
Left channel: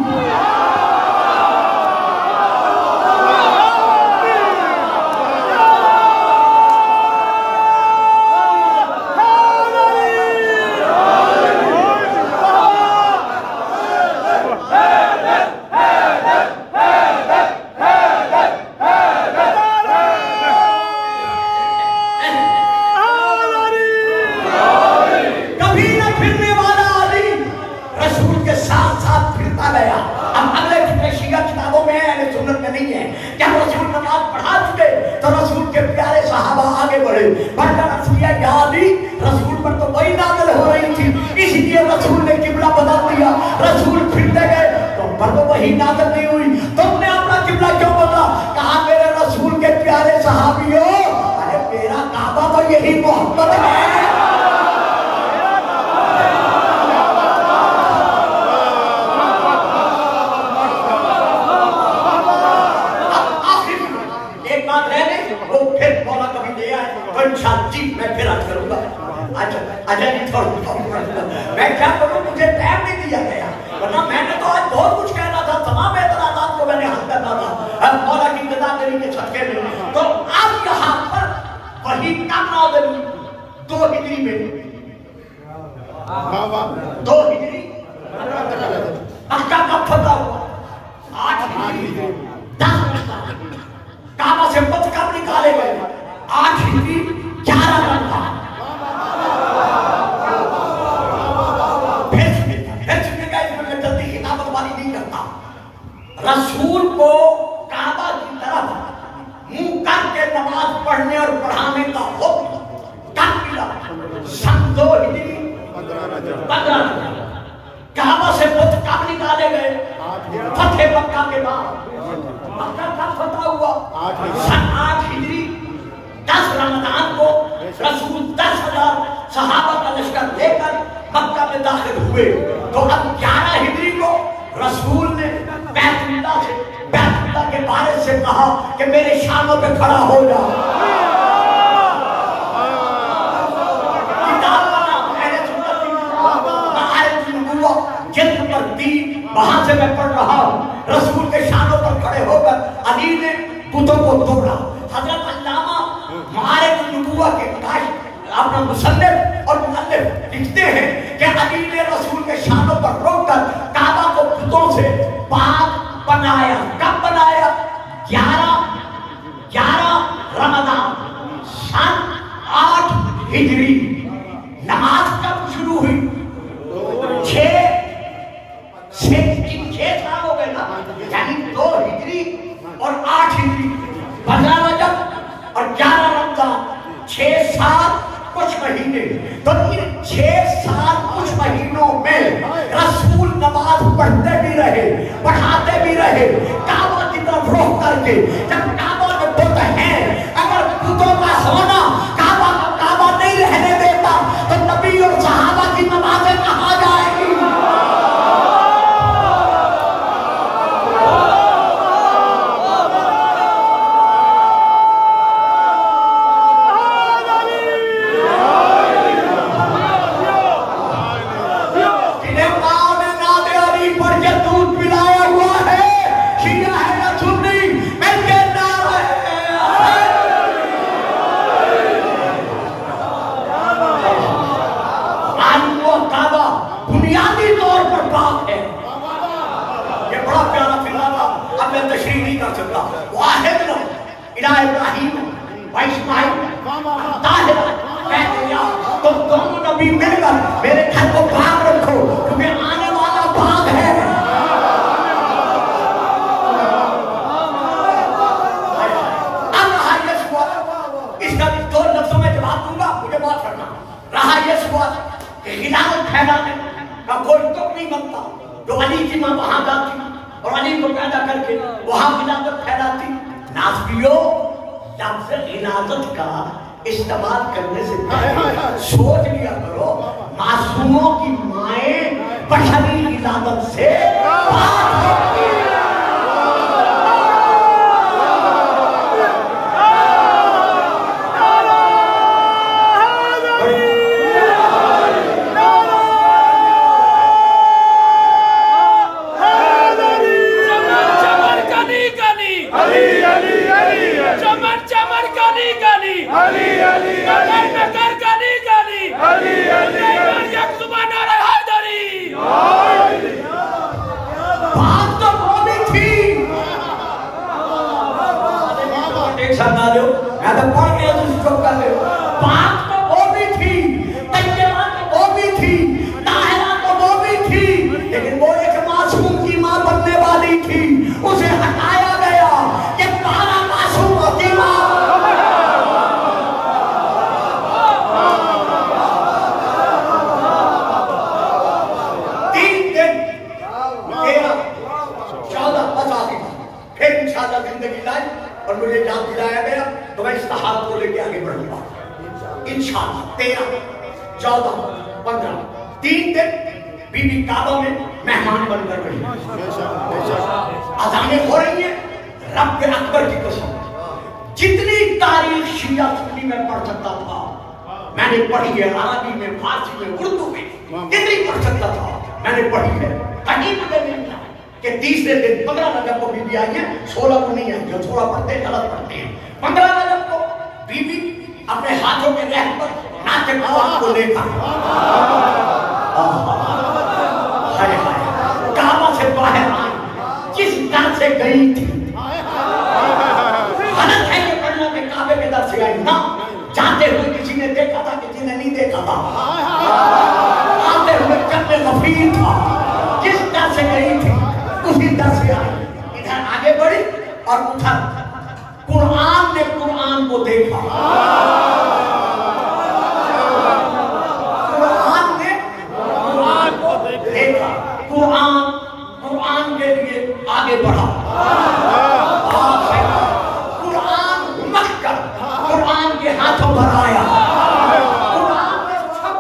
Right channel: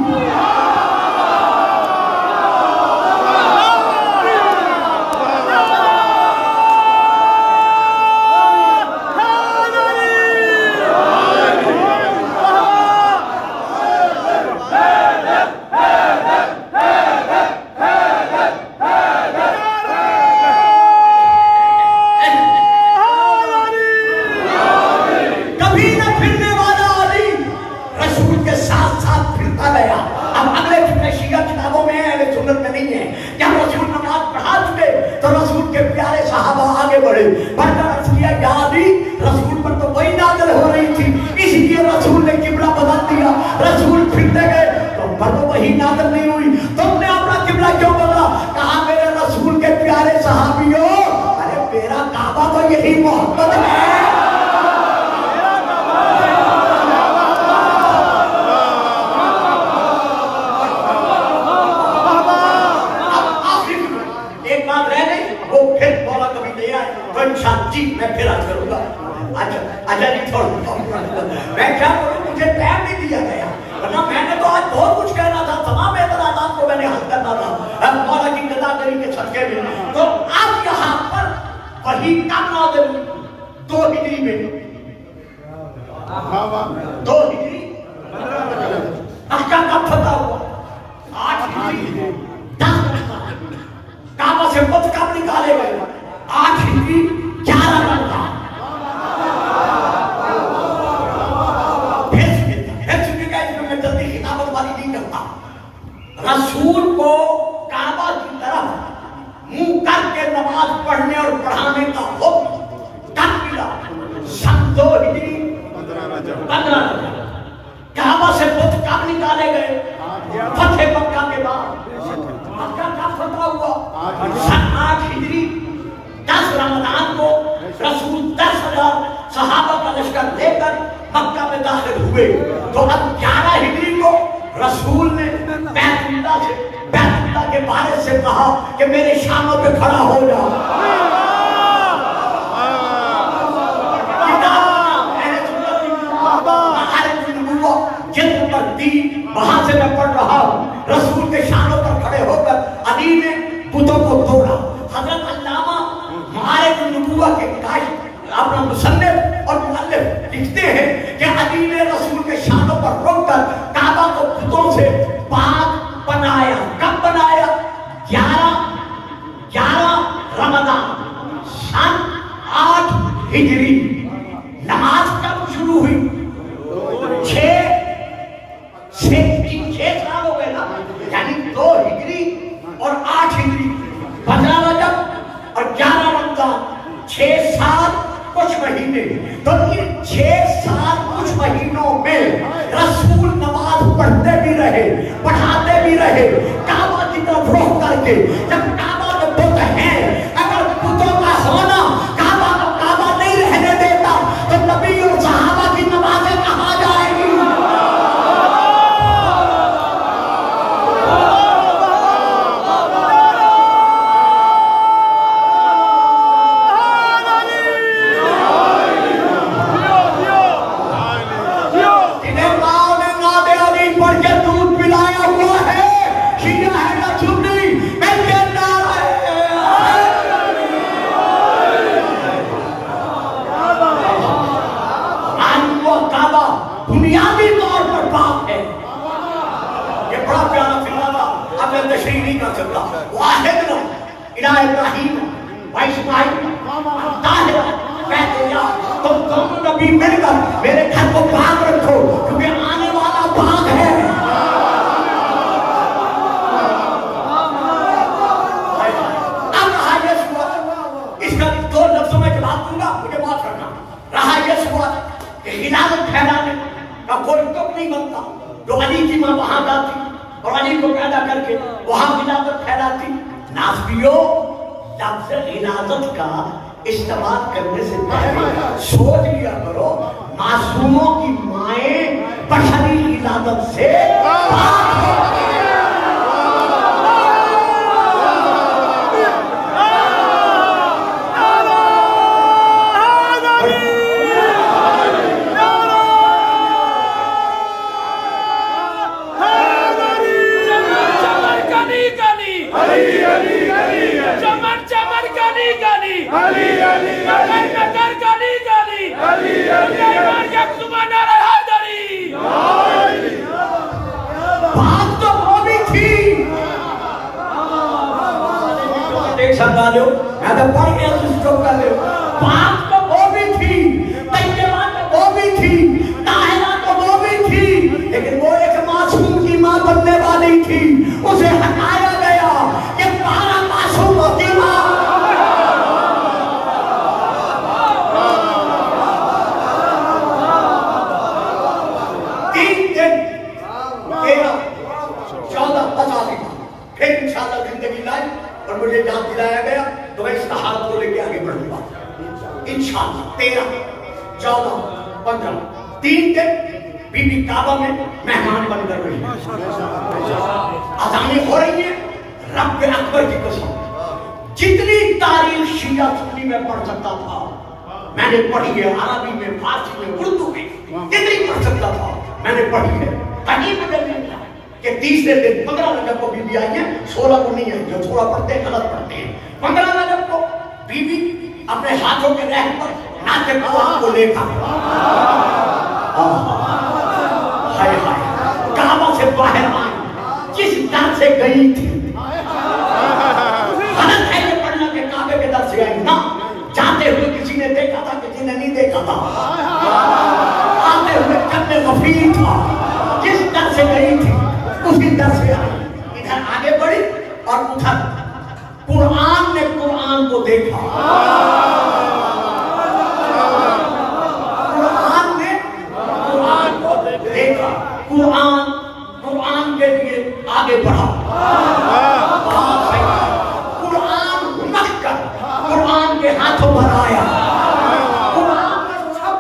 رسول پر تو وہی نازل ہو رہی تھی, اس لیے رسول نے قبلہ بدل دیا. رسول پھرتے گئے تو پر تو وہی نازل نہیں ہوئی, تم نے اپنا قبلہ کیوں بدلا؟ کہا میرے رسول کے پیارے صحابیوں, ارے میرا کعبہ تو یہی محمد ہے. ایک بات رہ گئی, وہ پھر مولا کبھی لے آئے تو انشاءاللہ جی میں پھر حج کروں گا. اچھا جی تھوڑا میں کیا کروں, مجھے ٹائم نہیں دیا گیا, ورنہ میں نے تو آج بہت کچھ کہنا تھا, تمام اعتراضات کو میں نے حل کرنا تھا مولا کی جزا کری کے صدقے میں. تو اب یہاں پر وہی کم نازل 2 ہجری میں, 2 ہجری مکہ کا فتح ہوا, 8 ہجری 10 رمضان کعبہ سے بت کب نکالے گئے, 8 ہجری 11 رمضان. رسول کو کعبہ کی طرف منہ کر کے نماز پڑھنے اور پڑھانے کا حکم کب ملا؟ سن 2 ہجری 15 کعبہ سے بت کب نکالے گئے؟ فتح مکہ کے بعد. مکہ کب فتح ہوا؟ سن 8 ہجری 10 رمضان کو رسول 10,000 صحابہ کا لشکر لے کر مکہ میں داخل ہوئے تو اب 11 ہجری کو رسول نے بیت اللہ کے بارے سے کہا کہ میرے شانوں پہ کھڑا ہو جا. کتاب کا نام اہل سنت معارف النبوہ جلد نمبر 3 وہاں سے میں پڑھ رہا ہوں. رسول کے شانوں پر کھڑے ہو کر علی نے بتوں کو توڑا. حضرت علامہ معارف النبوہ کے قائد اپنا مصنف اور مؤلف لکھتے ہیں کہ علی نے رسول کے شانوں پر روک کر کعبہ کو بتوں سے پاک بنایا. کب بنایا؟ 11 رمضان سن 8 ہجری. نماز کب شروع ہوئی؟ 6 سال ہو گئے نا، یعنی 2 ہجری اور 8 ہجری، 15 رجب اور 11 رمضان، 6 سال کچھ مہینے. تو ان 6 سال کچھ مہینوں میں رسول نماز پڑھتے بھی رہے، پڑھاتے بھی رہے، کعبہ کی طرف رخ کر کے. جب کعبہ میں بت ہیں، اگر بتوں کا ہونا کعبہ کو کعبہ نہیں رہنے دیتا تو نبی اور صحابہ کی نمازیں کہاں جائیں گی؟ بنیادی طور پر پاک ہے. یہ بڑا پیارا فکرہ تھا، اب میں تشریح نہیں کر سکتا. واحد الہ ابراہیم و اسماعیل طاہرہ کہتے ہیں تم دونوں نبی مل کر میرے گھر کو پاک رکھو کیونکہ آنے والا پاک ہے. اب رہا یہ سوال، اس کا 2 لفظوں میں جواب دوں گا، مجھے بات کرنا. رہا یہ سوال کہ خلافت پھیلانے کا کوئی تک نہیں بنتا. جو علی کی ماں وہاں جاتی اور علی کو پیدا کر کے وہاں خلافت پھیلاتی. ناسبیو لفظ خلافت کا استعمال کرنے سے پہلے سوچ لیا کرو معصوموں کی مائیں بشری خلافت سے پاک ہوتی ہیں. لیکن وہ ایک معصوم کی ماں بننے والی تھی، اسے ہٹایا گیا. یہ 12 معصوموں کی ماں. پھر انشاءاللہ زندگی لائی اور مجھے یاد دلایا گیا تو میں اس تحال کو لے کے آگے بڑھوں گا انشاءاللہ. 13 14 15 3 دن بی بی کعبہ میں مہمان بن کر رہی ہے. اذانیں ہو رہی ہیں. رب اکبر کی قسم جتنی تاریخ شیعہ سنی میں پڑھ سکتا تھا میں نے پڑھی ہے. عربی میں، فارسی میں، اردو میں جتنی پڑھ سکتا تھا میں نے پڑھی ہے. عجیب مجھے نہیں ملا کہ 30 دن 15 رجب کو بی بی آئی ہے، 16 کو نہیں آئی. جو تھوڑا پڑھتے ہیں غلط پڑھتے ہیں. 15 رجب کو بی بی اپنے ہاتھوں کے رہ پر ناچے قرآن کو دیکھا. کعبہ سے باہر آئی، کس در سے گئی تھی؟ غلط ہے یہ پڑھنا کہ کعبے کے در سے آئی. نہ، جاتے ہوئے کسی نے دیکھا تھا، کسی نے نہیں دیکھا تھا. آتے ہوئے قلب غفیر تھا. کس در سے گئی تھی اسی در سے آئی. ادھر آگے بڑھی اور ادھر قرآن نے قرآن کو دیکھا. قرآن نے قرآن کو دیکھا. قرآن کے لیے آگے بڑھا. قرآن مٹ کر قرآن کے ہاتھوں پر آیا. قرآن نے چھپ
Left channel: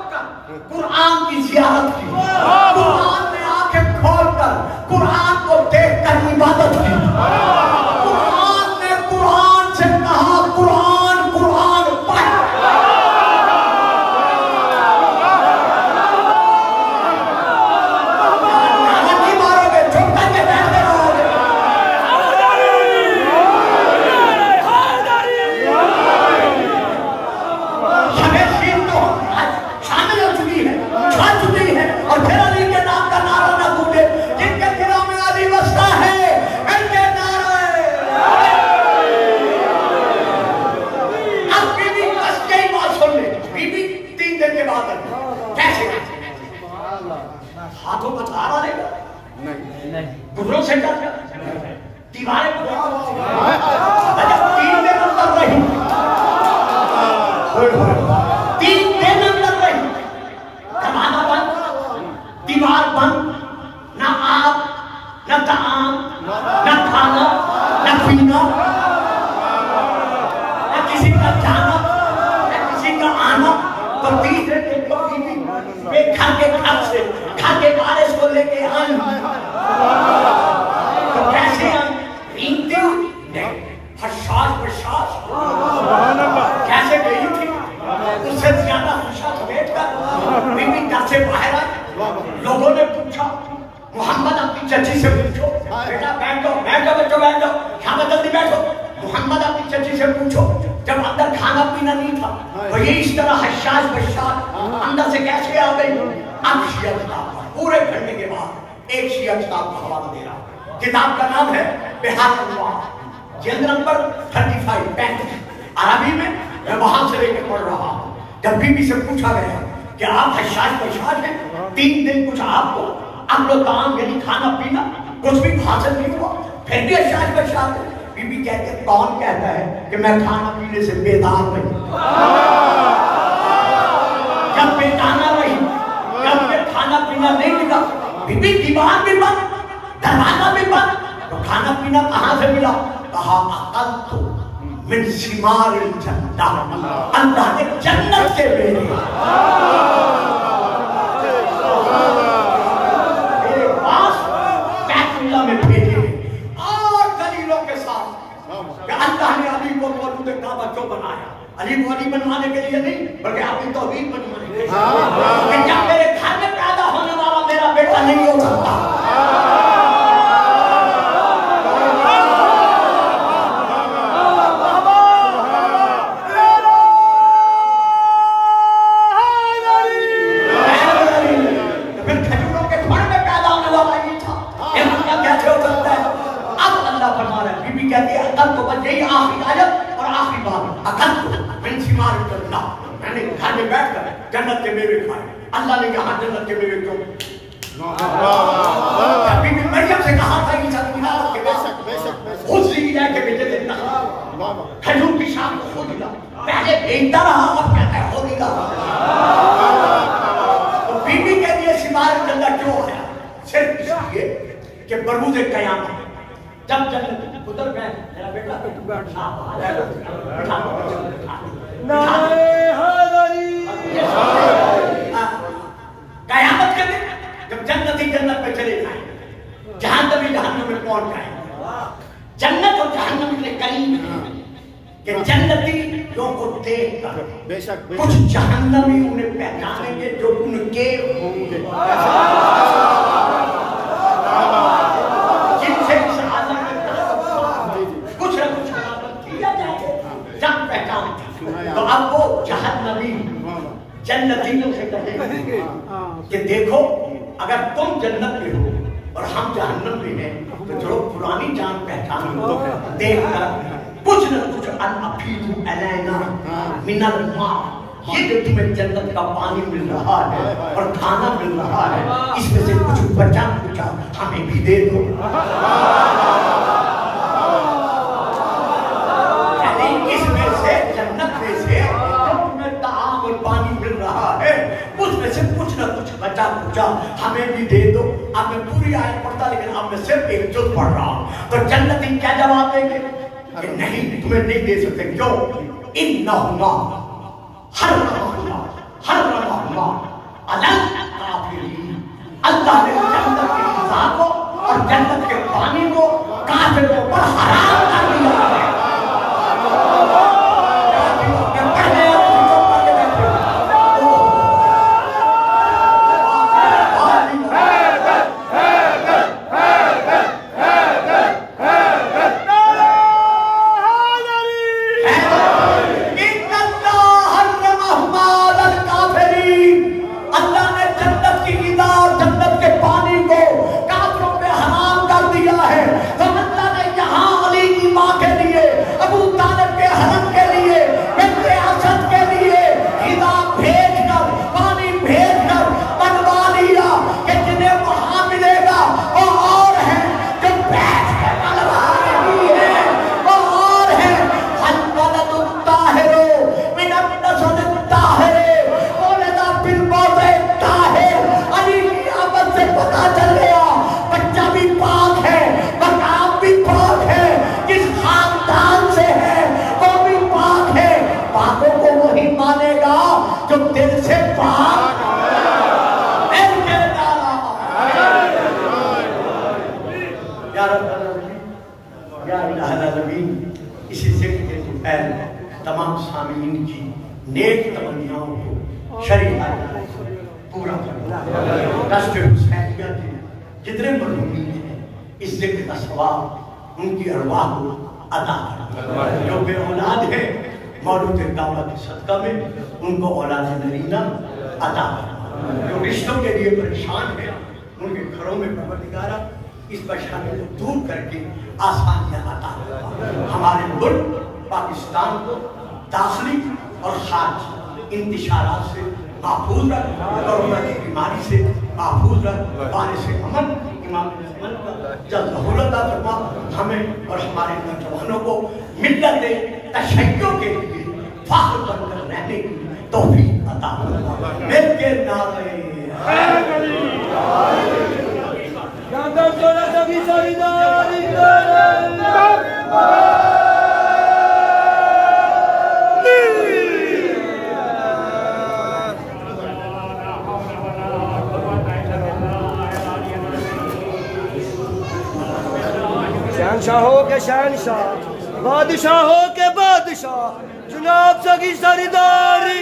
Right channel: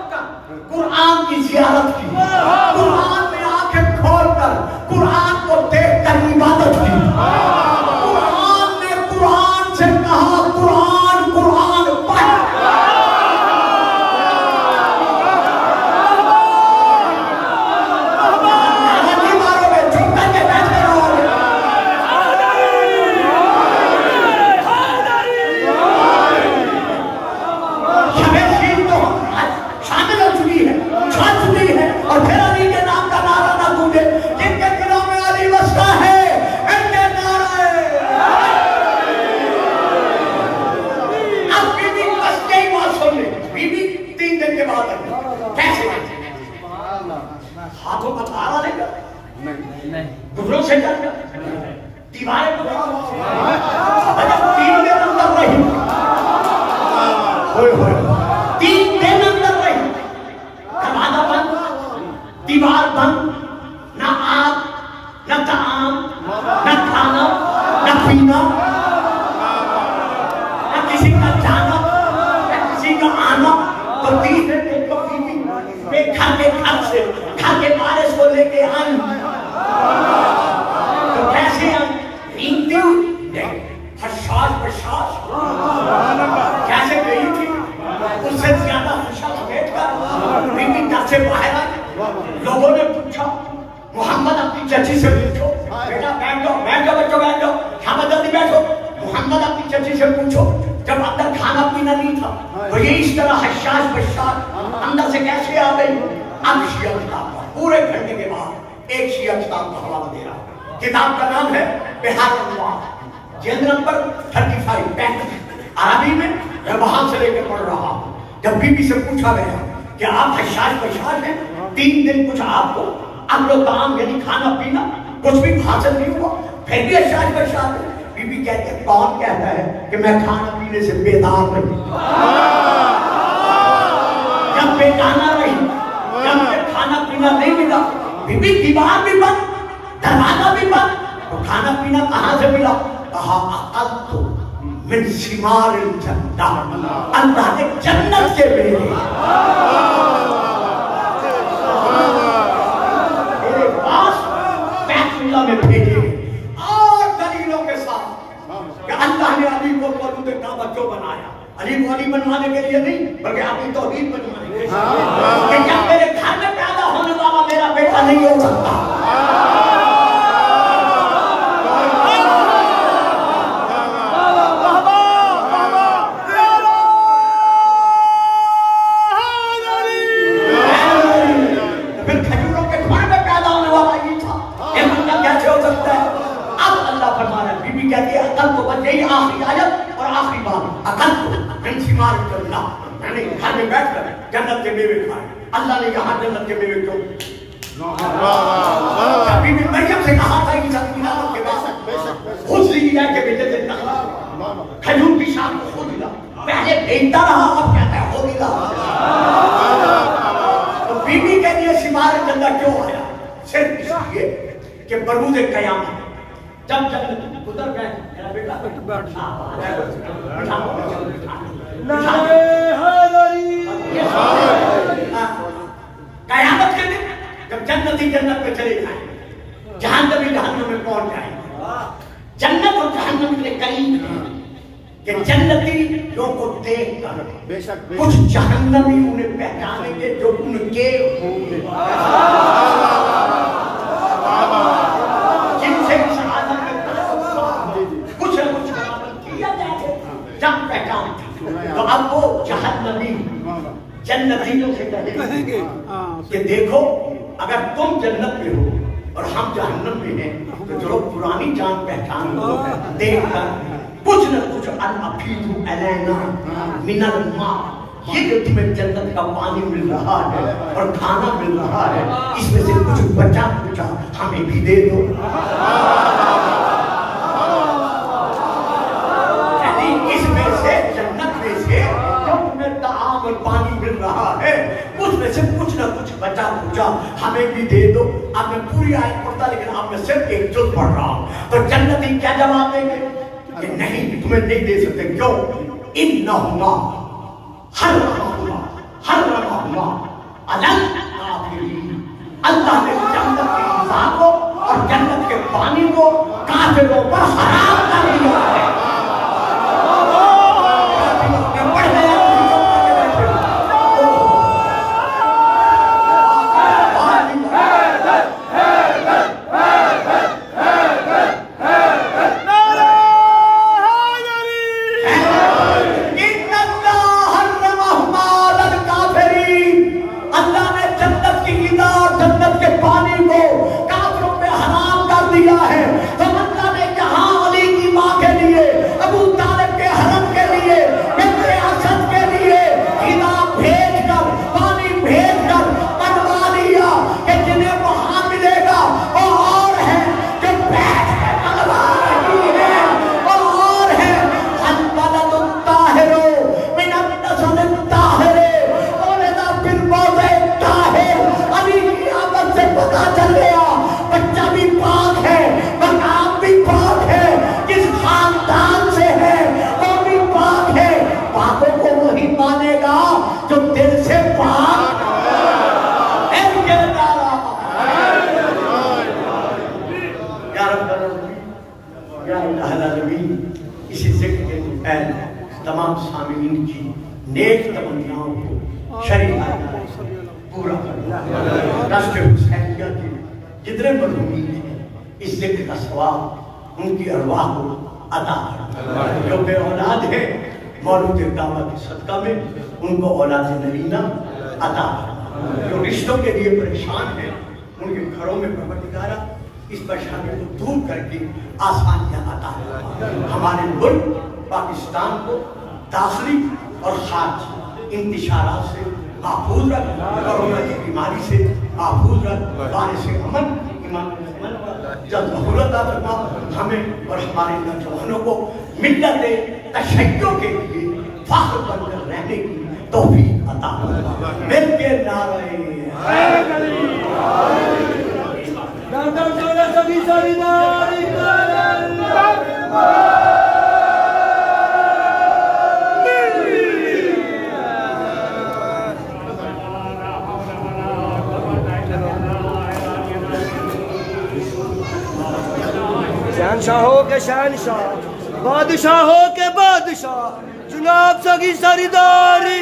تین دن اندر رہی، 3 دن اندر رہی، دروازہ بند، دیوار بند، نہ آگ، نہ طعام، نہ کھانا، نہ پینا، نہ کسی کا جانا، نہ کسی کا آنا. تو تیسرے دن کو گھر کے بارش کو لے کے آئی. تو کیسے رینگتے ہوئے حشاش بشاش کیسے گئی تھی، اس سے زیادہ خوشا سمیٹ کر بی بی در سے باہر آئی. لوگوں نے پوچھا محمد اپنی چچی سے پوچھو، بیٹا بیٹھو بیٹھو بچوں بیٹھو، شامت جلدی بیٹھو. محمد اپنی چچی سے پوچھو جب اندر کھانا پینا نہیں تھا تو یہ اس طرح حشاش بشاش اندر سے کیسے آ گئی. اب شیعہ کتاب پورے گھنٹے کے بعد ایک شیعہ کتاب کا حوالہ دے رہا. کتاب کا نام ہے بہار الانوار، جلد نمبر 35 عربی میں. میں وہاں سے لے کے پڑھ رہا ہوں. جب بی بی سے پوچھا گیا کہ آپ حشاش بشاش ہیں، 3 دن کچھ آپ کو اکل و طعام یعنی کھانا پینا کچھ بھی حاصل نہیں ہوا، پھر بھی حشاش بشاش ہے. بی بی کہتے ہیں کون کہتا ہے کہ میں کھانا پینے سے بیدار رہی؟ جب بیدانا رہی، جب کھانا پینا نہیں ملا، بی بی دیوار بھی بند، دروازہ بھی بند، تو کھانا پینا کہاں سے ملا؟ کہا اقلت من ثمار الجنہ، اللہ نے جنت کے میرے پاس بیت اللہ میں بھیجے اور دلیلوں کے ساتھ کہ اللہ نے علی کو مولود کعبہ کیوں بنایا. علی کو علی بنوانے کے لیے نہیں بلکہ اپنی توحید بنوانے کے لیے کہ جب میرے گھر میں پیدا ہونے والا میرا بیٹا نہیں ہو سکتا. یہی آخری آیت اور آخری بات، اقلت من ثمار الجنہ، میں نے گھر میں بیٹھ کر جنت کے میوے کھائے. اللہ نے یہاں جنت کے میوے کیوں؟ بی بی مریم سے کہا تھا کہ ساتھ کے خود سی ہے کہ بیٹے دے کھجور کی شام کو خود دلا، پہلے بھیجتا رہا اور کہتا ہے خود دلا. اور بی بی کے لیے ثمار الجنہ کیوں آیا؟ صرف اس لیے کہ بروز قیامت جب جنت اتر گئے میرا بیٹا قیامت کے دن جب جنتی جنت پہ چلے جائیں، جہنمی جہنم میں پہنچ جائیں. جنت اور جہنم کے قریب کہ جنتی لوگوں کو دیکھ کر کچھ جہنمی انہیں پہچانیں گے جو ان کے جن سے اس عالم میں کچھ نہ کچھ کیا جائے جب پہچان. تو اب وہ جہنمی جنتیوں سے کہیں گے کہ دیکھو اگر تم جنت میں ہو اور ہم جہنم میں ہیں تو چلو پرانی جان پہچان کو دیکھ کر کچھ نہ کچھ انفیدو علینا من الماء، یہ جو تمہیں جنت کا پانی مل رہا ہے اور کھانا مل رہا ہے اس میں سے کچھ بچا کچا ہمیں بھی دے دو. یعنی اس میں سے جنت میں سے جو تمہیں طعام اور پانی مل رہا ہے اس میں سے کچھ نہ کچھ بچا کچا ہمیں بھی دے دو. اب میں پوری آیت پڑھتا لیکن اب میں صرف ایک جز پڑھ رہا ہوں. تو جنتی کیا جواب دیں گے کہ نہیں تمہیں نہیں دے سکتے. کیوں؟ انہما حرمہما علی الکافرین، اللہ نے جنت کے غذا کو اور جنت کے پانی کو کافروں پر حرام کر دیا ہے. یا الہ العالمین اسی ذکر کے پہل تمام سامعین کی نیک تمناؤں کو شریعت پورا کرنا، رشت حسینیہ کے جتنے مرحومین ہیں اس ذکر کا ثواب ان کی ارواح کو عطا کرنا، جو بے اولاد ہے مولود دعوت کے صدقہ میں ان کو اولاد نرینہ عطا کرنا، جو رشتوں کے لیے پریشان ہیں ان کے گھروں میں پروردگارہ اس پریشانی کو دور کر کے آسانیاں عطا کرنا، ہمارے ملک پاکستان کو داخلی اور خارجی انتشارات سے محفوظ رکھ، کورونا کی بیماری سے محفوظ رکھ، باعث سے امن امام امن کا جلد ظہور عطا فرما، ہمیں اور ہمارے نوجوانوں کو ملت تشیع کے لیے فخر بن کر رہنے کی توفیق عطا فرما، مل کے نعرہ شہنشاہوں کے شہنشاہ، بادشاہوں کے بادشاہ، جناب سگی سرداری